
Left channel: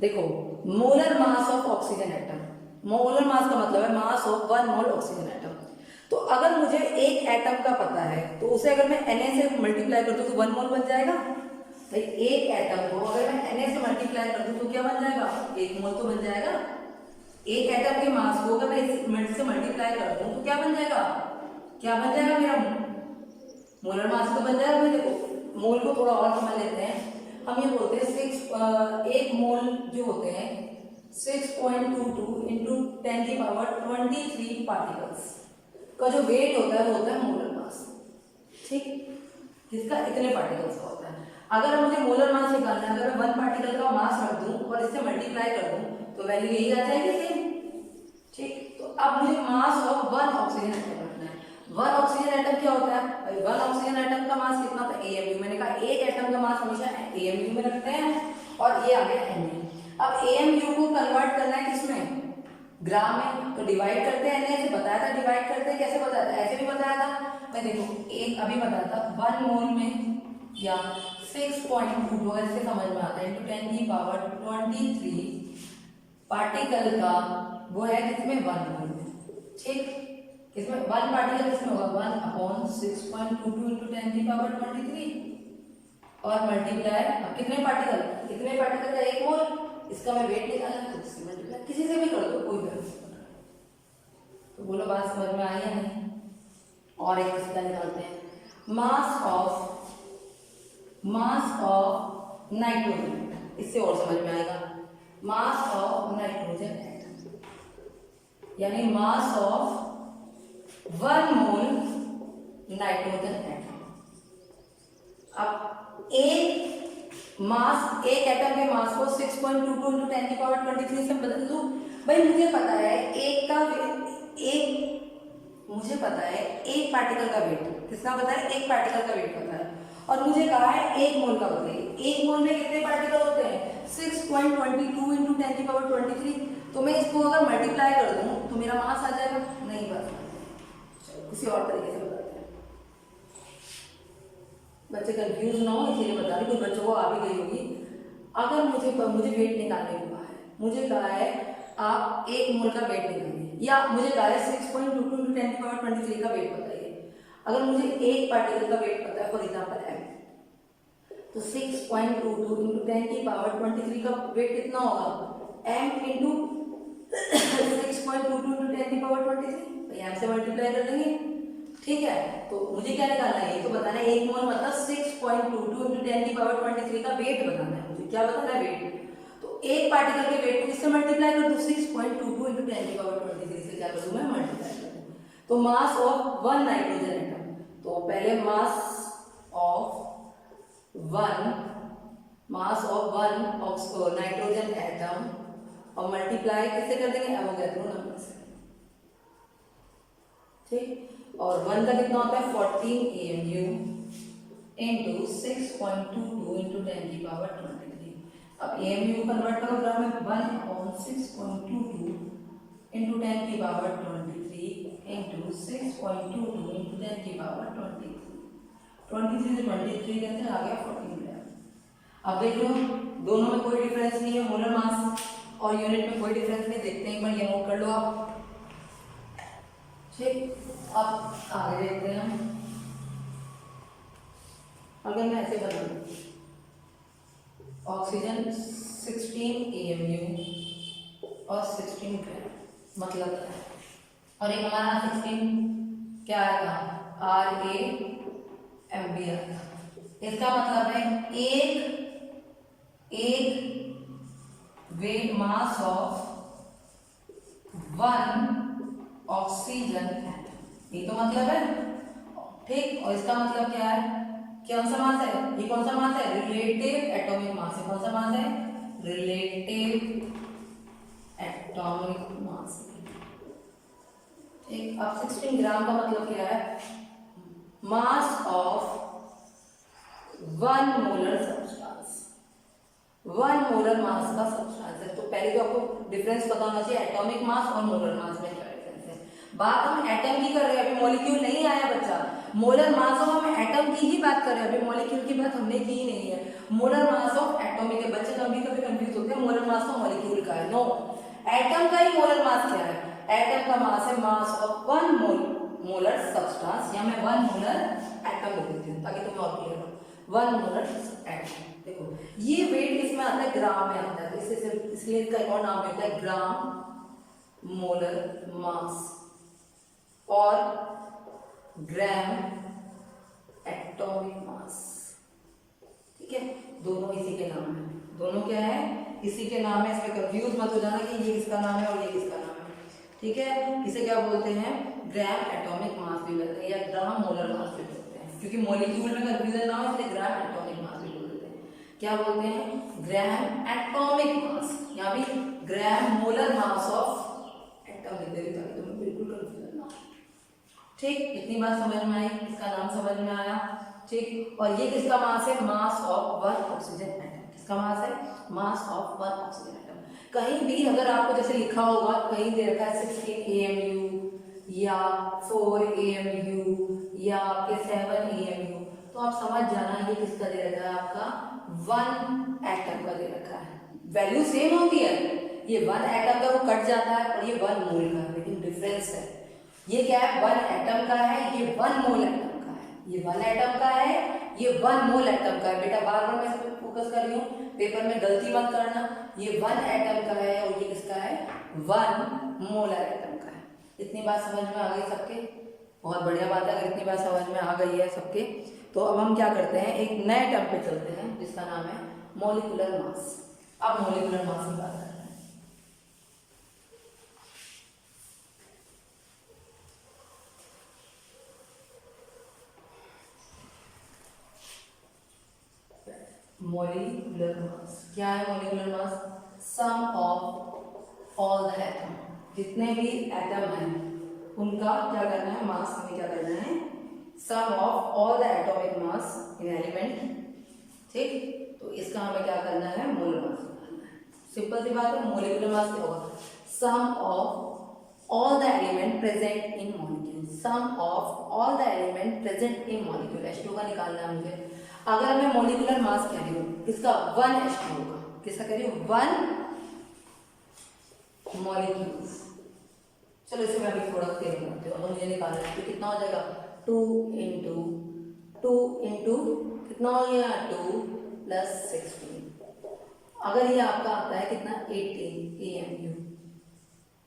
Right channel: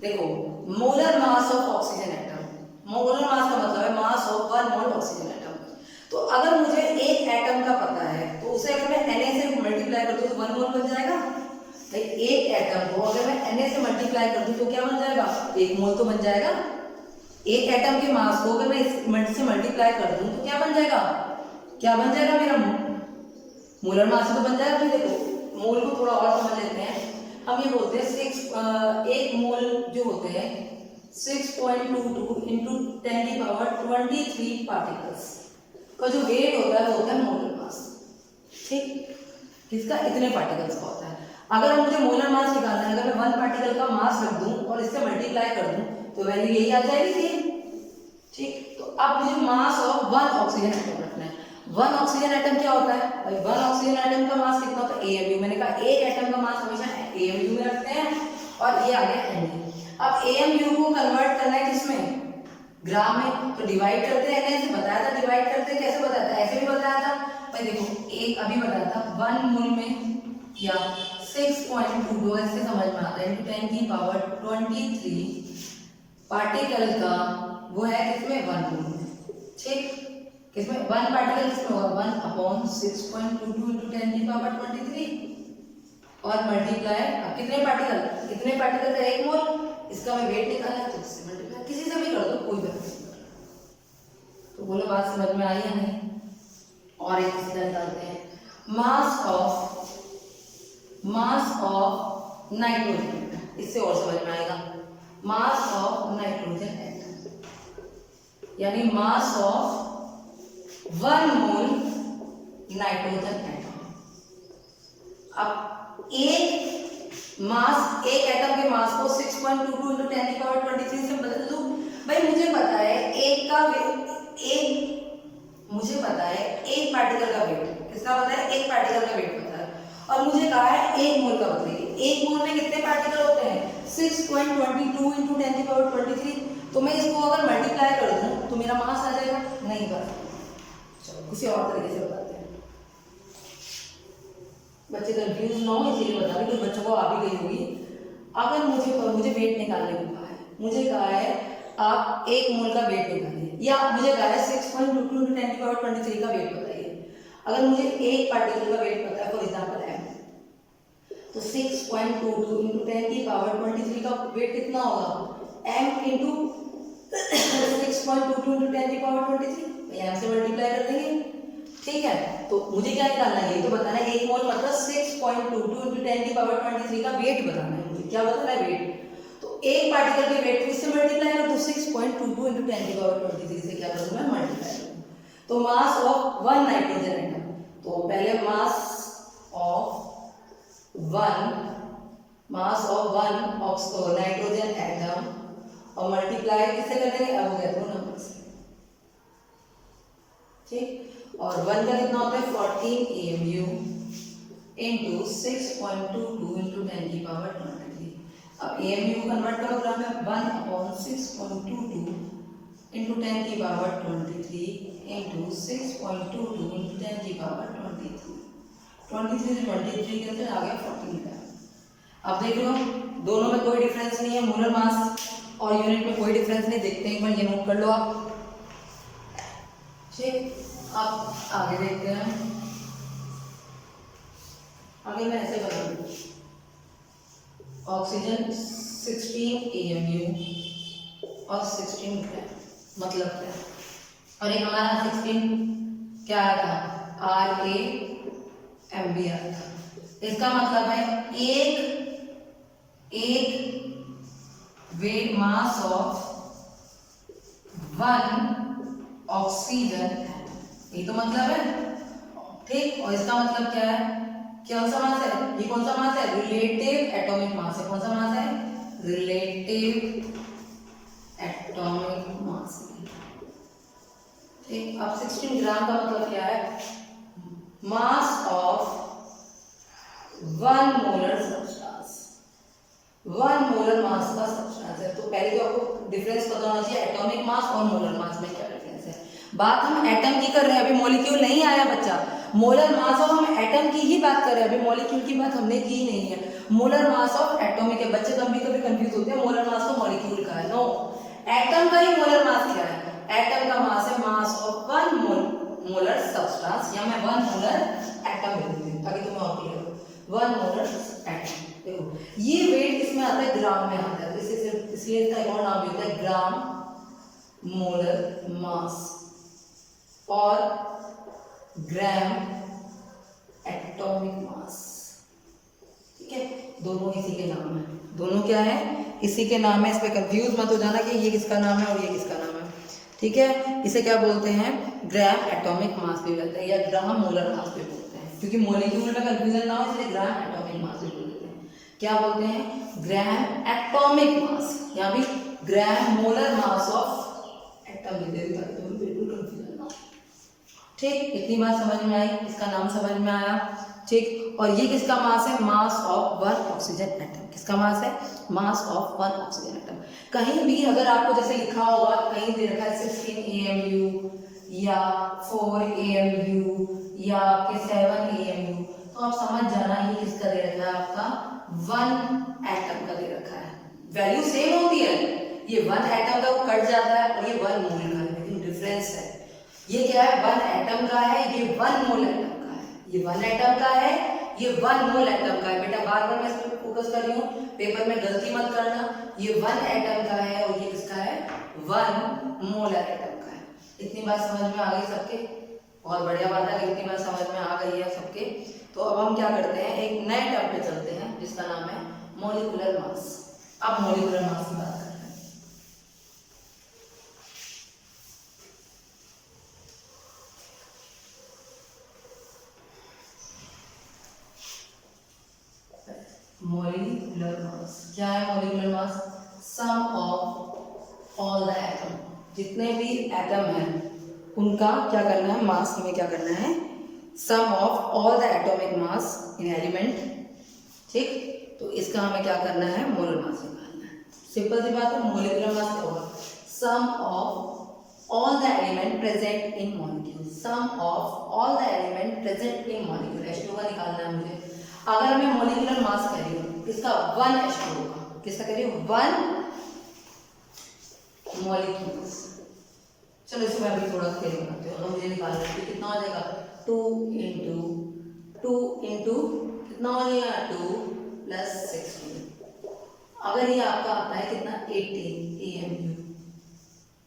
देखो molar mass of oxygen atom, molar mass का मतलब है मास ऑफ 1 मोल ऑक्सीजन एटम। तो अगर मुझे एक एटम का पता है तो उसे अगर मैं Na से मल्टीप्लाई कर दूं तो 1 मोल बन जाएगा। भाई एक एटम को अगर मैं Na से मल्टीप्लाई कर दूं तो क्या बन जाएगा, 1 मोल तो बन जाएगा। एक एटम के मास को अगर मैं इससे मल्टीप्लाई कर दूं तो क्या बन जाएगा, क्या बन जाएगा मेरा मोलर मास तो बन जाएगा। फिर देखो मोल को थोड़ा और समझ लेते हैं। हम ये बोलते हैं एक मोल जो होते हैं 6.22 into 10 की पावर 23 पार्टिकल्स का जो वेट होता है वो होता है मोलर मास, ठीक। किसका, इतने पार्टिकल्स का होता है। अगर मुझे मोलर मास निकालना है, अगर मैं 1 पार्टिकल का मास रख दूं और इससे मल्टीप्लाई कर दूं तो वैल्यू यही आ जाएगी, सेम, ठीक। तो अब मुझे मास ऑफ 1 ऑक्सीजन एटम रखना है। 1 ऑक्सीजन एटम क्या होता है, भाई 1 ऑक्सीजन एटम का मास कितना होता है, AMU। मैंने कहा एक एटम का मास हमेशा AMU में रखते हैं, और ये आ गया Na। अब AMU को कन्वर्ट करना है किसमें, ग्राम में, तो डिवाइड करते हैं। Na से बताया था डिवाइड करते हैं, कैसे बताया था, ऐसे भी बताया था। भाई देखो एक अभी बताया था 1 मोल में या 6.22 ऐसे समझ में आता है, 10 की पावर 23 पार्टिकल का वो है किसमें, 1 मोल में, ठीक। किसमें 1 पार्टिकल किसमें होगा, 1 अपॉन 6.22 into 10 की पावर 23 और मल्टीप्लाई, अब कितने पार्टिकल, इतने पार्टिकल का 1 मोल, इसका मैं वेट निकालना है तो इससे मल्टीप्लाई, किसी से भी कर दो कोई बात नहीं। तो बोलो बात समझ में आई या नहीं। और एक सीधा निकालते हैं, मास ऑफ नाइट्रोजन। इससे और समझ में आएगा। मास ऑफ नाइट्रोजन एटम, यानी मास ऑफ 1 मोल नाइट्रोजन एटम। अब एक मास, एक एटम के मास को 6.22 × 10⁻23 से बदल दूं। भाई मुझे पता है मुझे पता है एक पार्टिकल का वेट, किसका पता है? एक पार्टिकल का वेट पता है, और मुझे कहा है 1 मोल का बताइए। 1 मोल में कितने पार्टिकल होते हैं? 6.22 × 10⁻23। तो मैं इसको अगर मल्टीप्लाई कर दूं तो मेरा मास आ जाएगा? नहीं पता। चलो किसी और तरीके से बताते हैं, बच्चे कंफ्यूज ना हो इसीलिए बता रही, कुछ बच्चों को आ भी गई होगी। अगर मुझे वेट निकालने को कहा है, मुझे कहा है आप 1 मोल का वेट निकालिए, या मुझे कहा है 6.22 × 10⁻23 का वेट बताइए। अगर मुझे एक पार्टिकल का वेट पता है, फॉर एग्जाम्पल m, तो 6.22 × 10⁻23 का वेट कितना होगा? m इंटू 6.22 × 10⁻23, m से मल्टीप्लाई कर देंगे, ठीक है। तो मुझे क्या निकालना है? ये तो बताना है 1 मोल मतलब 6.22 × 10⁻23 का वेट बताना है मुझे। क्या बताना है? वेट। तो एक पार्टिकल के वेट को इससे मल्टीप्लाई कर दो, 6.22 × 10⁻23 से क्या कर दूं मैं? मल्टीप्लाई कर दूं। तो मास ऑफ 1 नाइट्रोजन एटम, तो पहले मास ऑफ 1 नाइट्रोजन एटम और मल्टीप्लाई किससे कर देंगे? एवोगैड्रो नंबर से, ठीक। और 1 का कितना होता है? 14 AMU इंटू 6.22 × 10⁻23। अब AMU को कन्वर्ट करो ग्राम में, 1/6.22 × 10⁻23 इंटू 6.22 × 10⁻23। 23 से 23 कैसे आ गया? 14 ग्राम। अब देख लो दोनों में कोई डिफरेंस नहीं है, मोलर मास और यूनिट में कोई डिफरेंस नहीं। देखते हैं एक बार, ये नोट कर लो आप, ठीक। अब आगे देखते हैं। अगर मैं ऐसे बनाऊं, ऑक्सीजन 16 AMU और 16 ग्राम, मतलब क्या? और एक हमारा 16 क्या आया था? RAMB आया था। इसका मतलब है एक weight mass of 1 oxygen atom, ये तो मतलब है, ठीक। और इसका मतलब क्या है? कौन सा मास है? ये कौन सा मास है? रिलेटिव एटॉमिक मास है। कौन सा मास है? रिलेटिव एटॉमिक मास, ठीक। अब 16 ग्राम का मतलब क्या है? मास of 1 molar substance, 1 molar mass का सब्सटेंस है। तो पहले तो आपको डिफरेंस पता होना चाहिए एटॉमिक मास और मोलर मास में क्या डिफरेंस है। बात हम एटम की कर रहे हैं, अभी मॉलिक्यूल नहीं आया बच्चा। मोलर मास ऑफ, हम एटम की ही बात कर रहे हैं, अभी मॉलिक्यूल की बात हमने की नहीं है। मोलर मास ऑफ एटॉमिक है। बच्चे कभी कभी कंफ्यूज होते हैं, मोलर मास तो मॉलिक्यूल का है। नो, एटम का ही मोलर मास क्या है? एटम का मास है मास ऑफ 1 मोलर सब्सटेंस, या मैं 1 मोलर एटम लिख देती हूँ ताकि तुम्हें और क्लियर हो। 1 मोलर एटम, देखो ये वेट इसमें आता है, ग्राम में आता है, तो इसलिए इसका एक और नाम भी होता है ग्राम मोलर मास और ग्राम एटॉमिक मास, ठीक है। दोनों इसी के नाम है, दोनों क्या है? इसी के नाम है। इसमें कंफ्यूज मत हो जाना कि ये किसका नाम है और ये किसका नाम है, ठीक है। इसे क्या बोलते हैं? ग्राम एटॉमिक मास भी बोलते हैं या ग्राम मोलर मास भी बोलते हैं, क्योंकि मॉलिक्यूल में कंफ्यूजन ना हो इसलिए ग्राम एटॉमिक मास भी बोलते हैं। क्या बोलते हैं? ग्राम एटॉमिक मास, या भी ग्राम मोलर मास ऑफ एटम लिख देते हैं, तुम्हें बिल्कुल कंफ्यूजन ना हो, ठीक। इतनी बात समझ में आई, इसका नाम समझ में आया, ठीक। और ये किसका मास है? मास ऑफ 1 ऑक्सीजन एटम। किसका मास है? मास ऑफ 1 ऑक्सीजन एटम। कहीं भी अगर आपको जैसे लिखा होगा, कहीं दे रखा है 16 AMU या 4 AMU या आपके 7 AMU, तो आप समझ जाना ये किसका दे रखा है? आपका 1 एटम का दे रखा है। वैल्यू सेम होती है, ये 1 एटम का वो कट जाता है और ये 1 मोल का है, लेकिन डिफरेंस है। ये क्या है? 1 एटम का है, ये 1 मोल एटम का है। ये 1 एटम का है, ये 1 मोल एटम का है। बेटा बार बार मैं इस पर फोकस कर रही हूँ, पेपर में गलती मत करना। ये 1 एटम का है और ये किसका है? 1 मोलर एटम का है। इतनी बात समझ में आ गई सबके? बहुत बढ़िया बात है, इतनी बात समझ में आ गई है सबके। तो अब हम क्या करते हैं, एक नए टर्म पे चलते हैं जिसका नाम है मॉलिक्यूलर मास। अब मॉलिक्यूलर मास की बात कर रहे हैं। मॉलिक्यूलर मास क्या है? Molecular mass sum of all the atom, जितने भी एटम हैं उनका क्या करना है? मास हमें क्या करना है? Sum of all the atomic mass in element. ठीक, तो इसका हमें क्या करना है? मोलर मास निकालना है। सिंपल सी बात है। मॉलिक्यूलर मास क्या होगा? Sum of all the element present in molecule, sum of all the element present in molecule. H2 का निकालना है मुझे। अगर हमें मॉलिक्यूलर मास कह रही हो इसका 1 H2 होगा। किसका कह रही हो? 1 मॉलिक्यूल्स। चलो इसे मैं अभी थोड़ा क्लियर बनाती हूँ। अगर मुझे निकालना है तो कितना हो जाएगा? 2 इंटू कितना हो जाएगा? 2 + 16। अगर ये आपका आता है कितना? 18 AMU।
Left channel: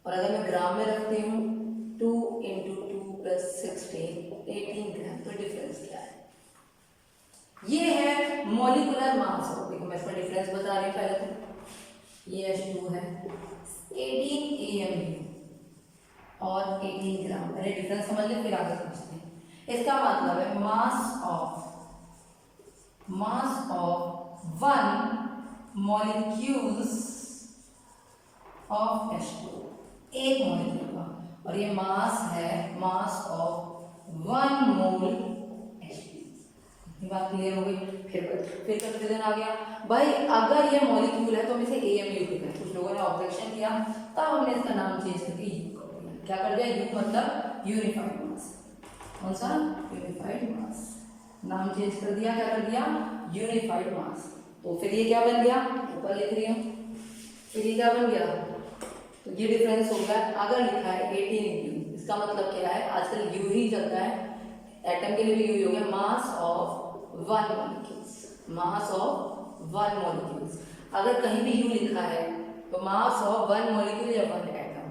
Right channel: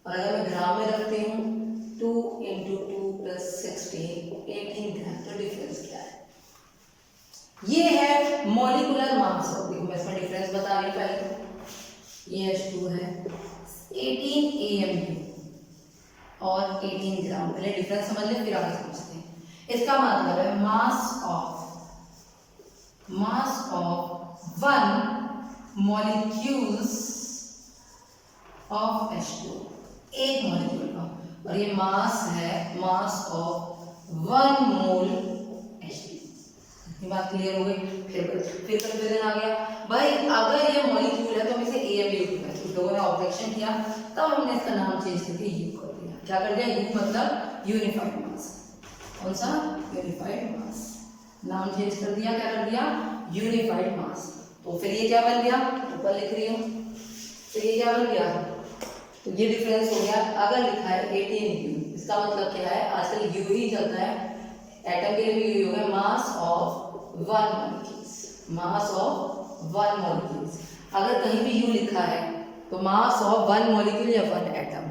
और अगर मैं ग्राम में रखती हूँ 2 इंटू 2 + 16 18 ग्राम, तो डिफरेंस क्या है? ये है मॉलिक्यूलर मास। देखो मैं इसमें डिफरेंस बता रही हूँ। पहले तो ये H2 है 18 AMU और 18 ग्राम। पहले डिफरेंस समझ ले फिर आगे समझते हैं। इसका मतलब है मास ऑफ 1 मॉलिक्यूल्स ऑफ H2, एक मॉलिक्यूल का। और ये मास है मास ऑफ 1 मोल H2। ये बात क्लियर हो गई? फिर कंफ्यूजन आ गया भाई। अगर ये मॉलिक्यूल है तो हम इसे AMU लिखते हैं। कुछ लोगों ने ऑब्जेक्शन किया, तब हमने इसका नाम चेंज करके U कर दिया। क्या कर दिया? U मतलब यूनिफाइड मास। कौन सा? यूनिफाइड मास। नाम चेंज कर दिया। क्या कर दिया? यूनिफाइड मास। तो फिर ये क्या बन गया? ऊपर लिख रही हूँ। फिर ये क्या बन गया? तो ये डिफरेंस हो गया। अगर लिखा है 18U, इसका मतलब क्या है? आजकल U ही चलता है, एटम के लिए भी U हो गया। मास of 1 molecules, mass of 1 molecules. अगर कहीं भी U लिखा है तो मास ऑफ 1 मॉलिक्यूल या 1 एटम,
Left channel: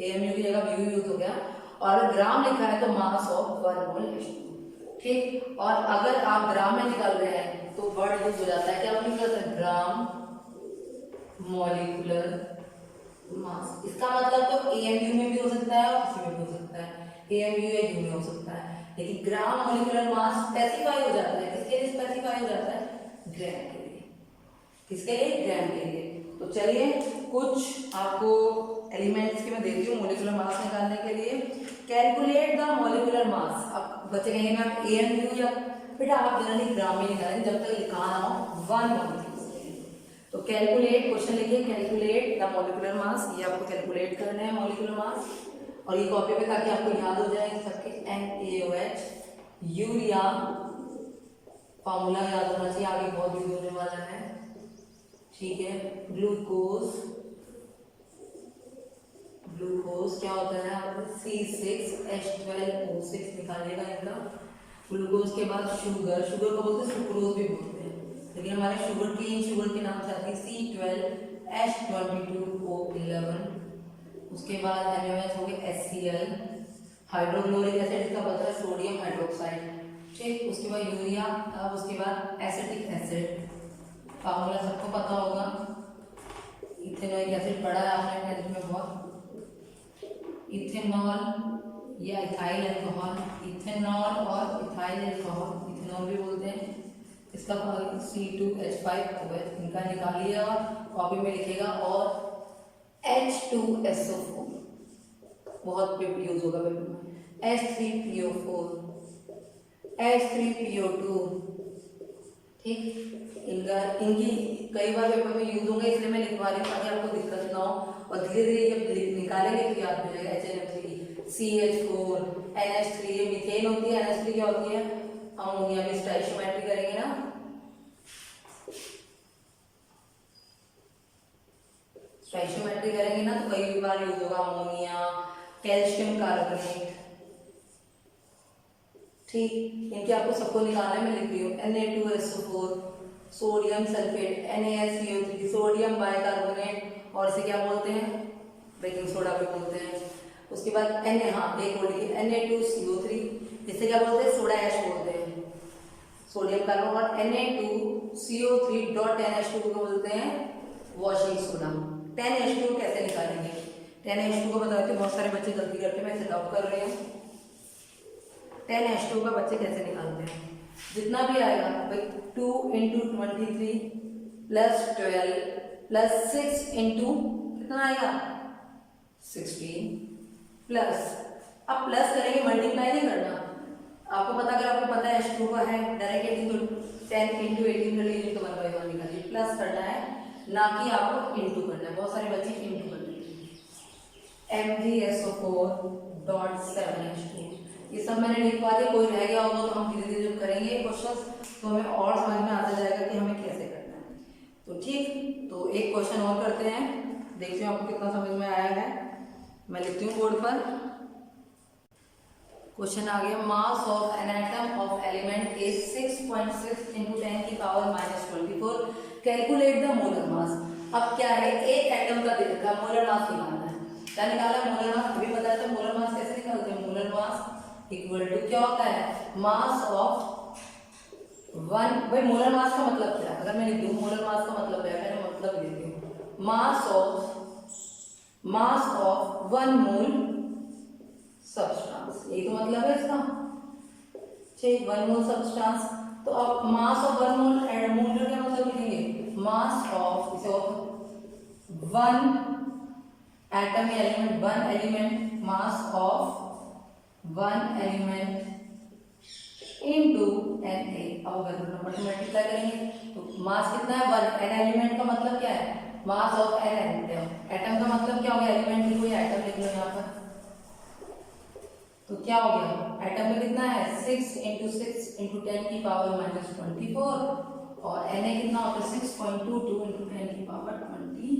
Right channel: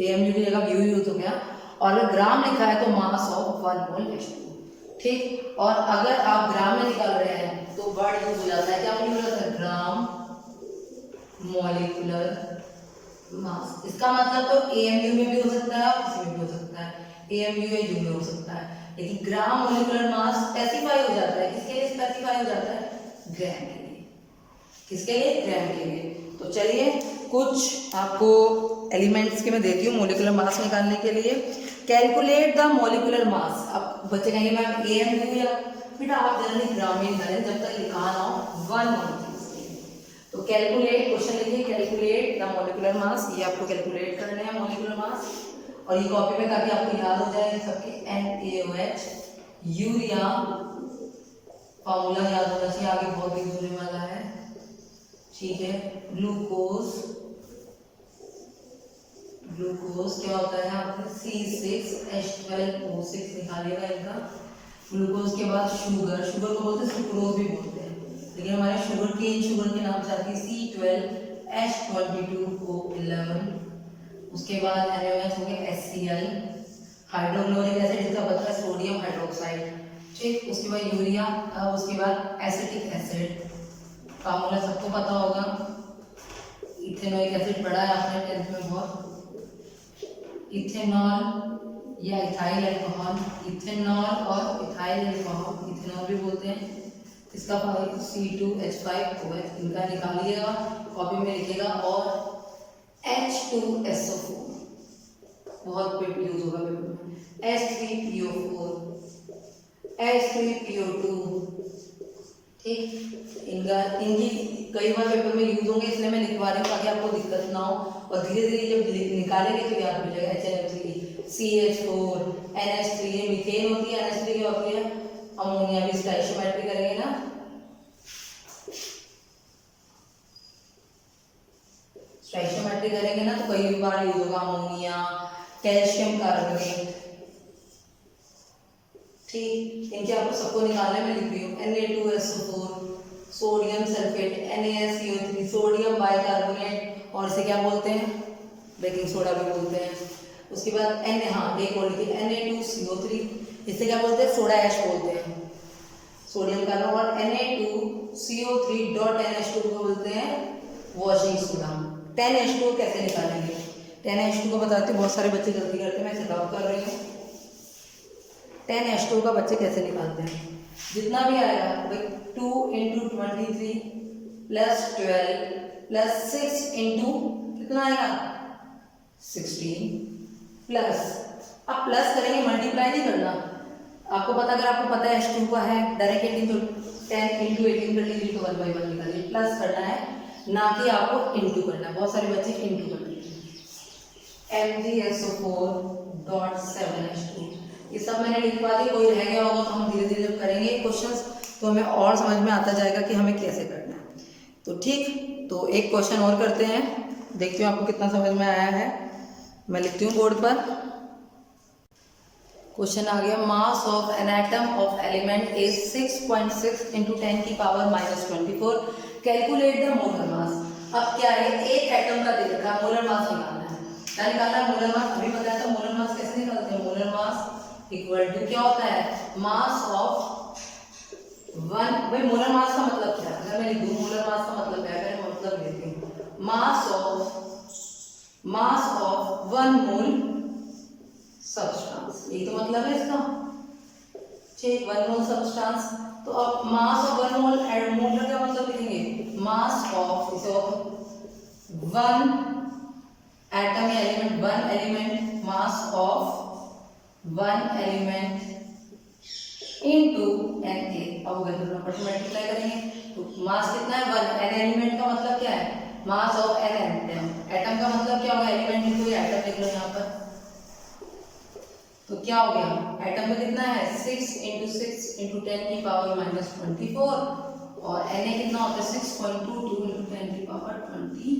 AMU की जगह U यूज हो गया। और अगर ग्राम लिखा है तो मास ऑफ 1 मोल H2। ठीक, और अगर आप ग्राम में निकाल रहे हैं तो वर्ड यूज हो जाता है। क्या यूज होता है? Gram molecular mass. इसका मतलब तो AMU में भी हो सकता है और किसी में भी हो सकता है, AMU या U में हो सकता है। लेकिन ग्राम मॉलिक्यूलर मास स्पेसिफाई हो जाता है। किसके लिए स्पेसिफाई हो जाता है? ग्राम के लिए। किसके लिए? ग्राम के लिए। तो चलिए कुछ आपको एलिमेंट्स के मैं देती हूँ मॉलिक्यूलर मास निकालने के लिए। Calculate the molecular mass. अब बच्चे कहेंगे मैम AMU या, बेटा आप जनरली ग्राम में निकालें जब तक लिखा ना हो 1 मॉलिक्यूल्स के लिए। तो कैलकुलेट, क्वेश्चन लिखिए कैलकुलेट द मॉलिक्यूलर मास। ये आपको कैलकुलेट करना है मॉलिक्यूलर मास, और ये कॉपी में ताकि आपको याद हो जाए सबके। NaOH यूरिया फॉर्मूला याद होना चाहिए, आगे बहुत यूज होने वाला है। ठीक है, ग्लूकोज क्या होता है? आपको C6H12O6 निकालिएगा इनका। ग्लूकोज के बाद शुगर को बोलते हैं सुक्रोज भी बोलते हैं, लेकिन हमारे शुगर के नाम से आती है C12H22O11। उसके बाद NaOH हो गया HCl, हाइड्रोक्लोरिक एसिड जिसका बनता है सोडियम हाइड्रोक्साइड। ठीक, उसके बाद यूरिया। अब उसके बाद एसिटिक एसिड, फार्मूला सबको पता होगा। इथेनोइक एसिड पढ़ा है आपने 10th में बहुत। इथेनॉल या इथाइल अल्कोहल, इथेनॉल और इथाइल अल्कोहल, इथेनॉल भी बोलते हैं। इसका C2H5OH इनका निकालिएगा, कॉपी में लिखिएगा। और H2SO4 बहुत यूज होगा पेपर में। H3PO4, H3PO2। ठीक, इनकी कई बार पेपर में यूज होंगे, इसलिए मैं लिखवा रही हूँ ताकि आपको दिक्कत ना हो। और धीरे धीरे जब निकालेंगे तो याद हो जाएगा। HNO3, CH4, NH3, ये मीथेन होती है। NH3 क्या होती है? अमोनिया। भी स्टोइचियोमेट्री करेंगे ना, स्टोइचियोमेट्री करेंगे ना तो कई बार यूज होगा अमोनिया, कैल्शियम कार्बोनेट। ठीक, इनके आपको सबको निकालने में लिख रही हूँ। Na2SO4 sodium sulphate, NaSCO3 sodium bicarbonate, और इसे क्या बोलते हैं? बेकिंग सोडा भी बोलते हैं। उसके बाद एक और लिखिए Na2CO3, इसे क्या बोलते हैं? सोडा ऐश बोलते हैं, सोडियम कार्बोनेट। और Na2CO3.NH2 को बोलते हैं वॉशिंग सोडा। 10H2 कैसे निकालेंगे? 10H2 को बताते हैं, बहुत सारे बच्चे गलती करते हैं, मैं इसे ड्रॉप कर रही हूँ। 10H2 का बच्चे कैसे निकालते हैं? जितना भी आएगा भाई 2 × 23 + 12 + 6 इंटू कितना आएगा 16 प्लस, अब प्लस करेंगे, मल्टीप्लाई नहीं करना। आपको पता, अगर आपको पता है H2 का है, डायरेक्ट 18 × 18 कर लीजिए तो 1/1 निकालिए। प्लस करना है, ना कि आपको इंटू करना है। बहुत सारे बच्चे इंटू कर लीजिए। MgSO4.7H2 ये सब मैंने लिखवा दिया। कोई रह गया होगा तो हम धीरे धीरे जब करेंगे ये क्वेश्चंस तो हमें और समझ में आता जाएगा कि हमें कैसे करना है। तो ठीक, तो एक क्वेश्चन और करते हैं, देखती हूँ आपको कितना समझ में आया है। मैं लिखती हूँ बोर्ड पर। क्वेश्चन आ गया, mass of an atom of element is 6.6 × 10⁻24 calculate the molar mass. अब क्या है, एक एटम का दे रखा है, मोलर मास निकालना है। क्या निकालना है? Molar mass. अभी बताया था मोलर मास कैसे निकालते हैं। मोलर मास इक्वल टू क्या होता है, मास ऑफ वन। भाई मोलर मास का मतलब क्या है? अगर मैं लिख दूं मोलर मास का मतलब है, मैं मतलब लेती हूँ मास ऑफ 1 मोल सब्सटेंस, यही तो मतलब है इसका। ठीक, 1 मोल सब्सटेंस। तो अब मास ऑफ 1 मोल एंड मोल का क्या मतलब लिखेंगे, मास ऑफ, इसे 1 एटम या element, 1 element, mass of 1 element into Na। अब अगर नंबर से मल्टीप्लाई करेंगे तो मास कितना है 1। एन एलिमेंट का मतलब क्या है, mass of an atom. Atom का मतलब क्या होगा, एलिमेंट लिखो या एटम लिख लो यहाँ पर। तो क्या हो गया, एटम में कितना है 6 × 6 × 10⁻24 और Na कितना होता है 6.22 × 10⁻23।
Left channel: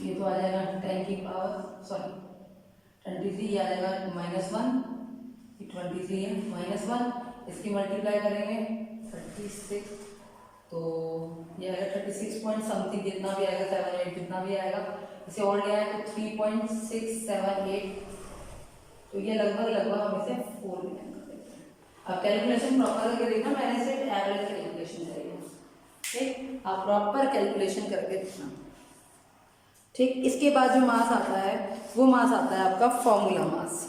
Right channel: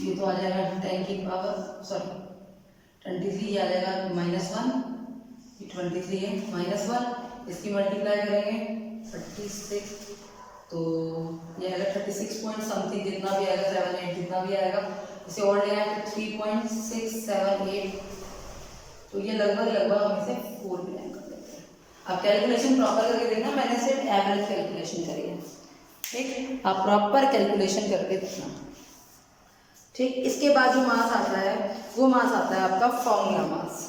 ये तो आ जाएगा 23, ये आ जाएगा -1, 23 है -1, इसकी मल्टीप्लाई करेंगे 36, तो ये आएगा 36 पॉइंट समथिंग, जितना भी आएगा 78 जितना भी आएगा। इसे और ले आए तो 3.678, तो ये लगभग हम इसे 4 भी कर देते हैं। अब कैलकुलेशन प्रॉपर करके देखना, मैंने सिर्फ एवरेज कैलकुलेशन करी है। ठीक, आप प्रॉपर कैलकुलेशन करके देखना। ठीक, इसके बाद जो मास आता है वो मास आता है आपका फॉर्मूला मास।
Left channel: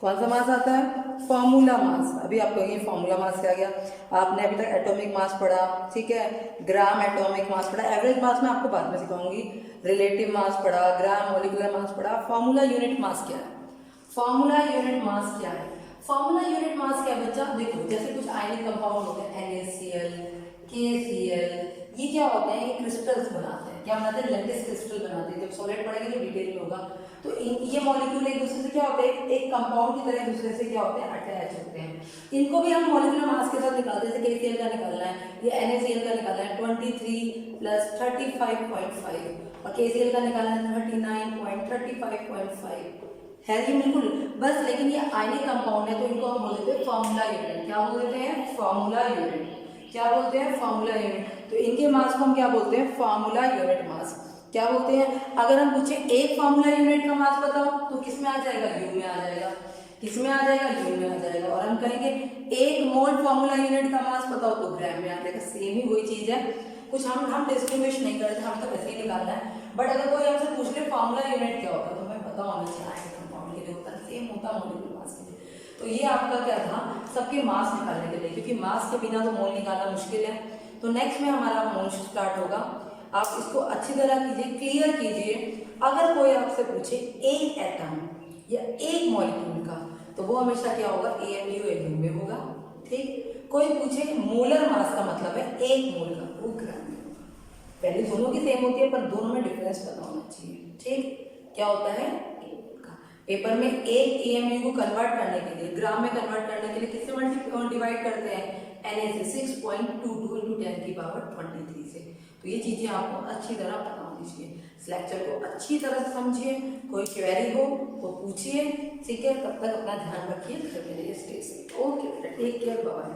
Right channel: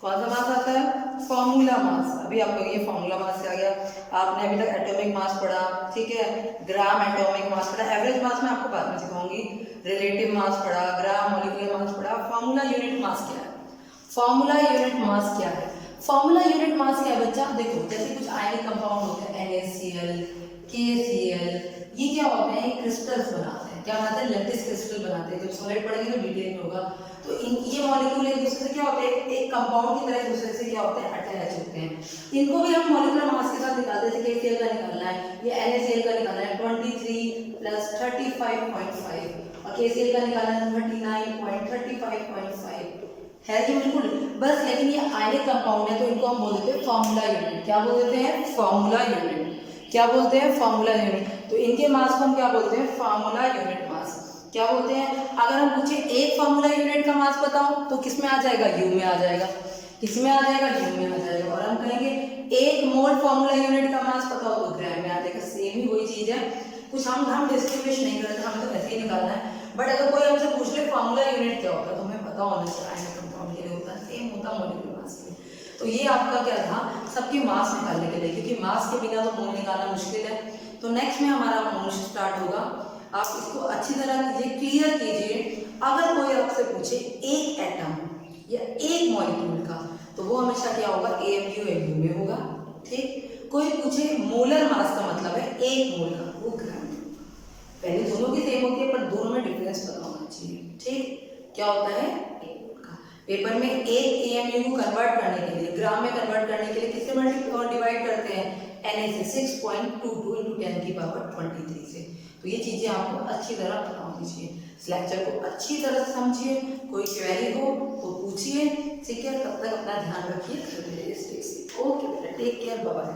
कौन सा मास आता है, फॉर्मूला मास। अभी आप कहोगे फॉर्मूला मास क्या गया, आपने अभी तक एटॉमिक मास पढ़ा, ठीक है, ग्राम एटॉमिक मास पढ़ा, एवरेज मास मैं आपको बाद में सिखाऊंगी, रिलेटिव मास पढ़ा, ग्राम मॉलिक्यूलर मास पढ़ा। फॉर्मूला यूनिट मास क्या है, फॉर्मूला यूनिट मास क्या है, फॉर्मूला यूनिट मास क्या है बच्चा, देखो जैसे कुछ आयनिक कंपाउंड होते हैं NaCl, KCl, ये क्या होते हैं, ये क्रिस्टल्स बनाते हैं। क्या बनाते हैं, लैटिस क्रिस्टल बनाते हैं। जब सॉलिड पढ़ेंगे तो डिटेल में होगा। तो ये मॉलिक्यूल एक दूसरे से क्या होते हैं, एक कंपाउंड की तरह एक दूसरे से क्या होते हैं, अटैच होते हैं। इनको भी हम मॉलिक्यूलर मास के साथ निकालते हैं। जैसे KCl का निकालना है, ये NaCl का निकालना है 23 + 35.5 और KCl का निकालना है 39.35.5 है ये बिल्कुल बस। लेकिन ये आयनिक कंपाउंड है तो इनको हम बोल देते हैं फॉर्मूला यूनिट। क्या बोल देते हैं, फॉर्मूला यूनिट। क्या बोलते हैं, फॉर्मूला यूनिट। तो इनके मास को हम क्या बोलते हैं, फॉर्मूला यूनिट मास। क्या बोलते हैं, अगर हम पूछे एक फॉर्मूला यूनिट का मास बताओ तो किस में आ जाएगा, यू में आ जाएगा। किस में आ जाएगा, यू में आ जाएगा। और हम कहेंगे एक मोल फॉर्मूला यूनिट का मास बताओ तो ग्राम में आ जाएगा। सेम ही वही चीज है, कुछ हम डिस्क्रिमिनेशन नहीं करते, हमें तो ऐसे ही निकालना है। बट अगर कोई हमसे पूछ ले फॉर्मूला यूनिट क्या होता है तो हमें पता होना चाहिए, सेम होता मॉलिक्यूलर मास के लिए। तो ये आपका क्या था, सबके मास निकालने के लिए, क्योंकि मास के बिना तो मोल निकालना मुश्किल है। तो नेक्स्ट में हमारा मोल स्टार्ट होगा। आप इसको अच्छी तरह कीजिए, क्लियर कीजिए। अगर कोई आपसे पूछे एक एटम या एक मॉलिक्यूल का तो वो हमेशा क्या होगा, AMU LU में होगा। ठीक, कोई पूछे मोलर मास का मतलब है एक मोल का, वो ग्राम में होगा। पहले दोनों की सेम होती है पर दोनों में डिफरेंस पता होना चाहिए। ठीक, क्या होता है, पेपर में एक AMU को कन्वर्ट करने के लिए, ग्राम में कन्वर्ट करने के लिए किससे डिवाइड करते हैं, Na से 6.22 × 10⁻23 से। तो ये चीजें आपको अच्छी तरह पता होनी चाहिए। इस लेक्चर को अच्छी तरह से समझिए, कोई क्वेरी हो तो पूछिए। ठीक है, तब तक अपना ध्यान रखिए, घर पे रहिए। ओके बेटा, टेक केयर, बाय।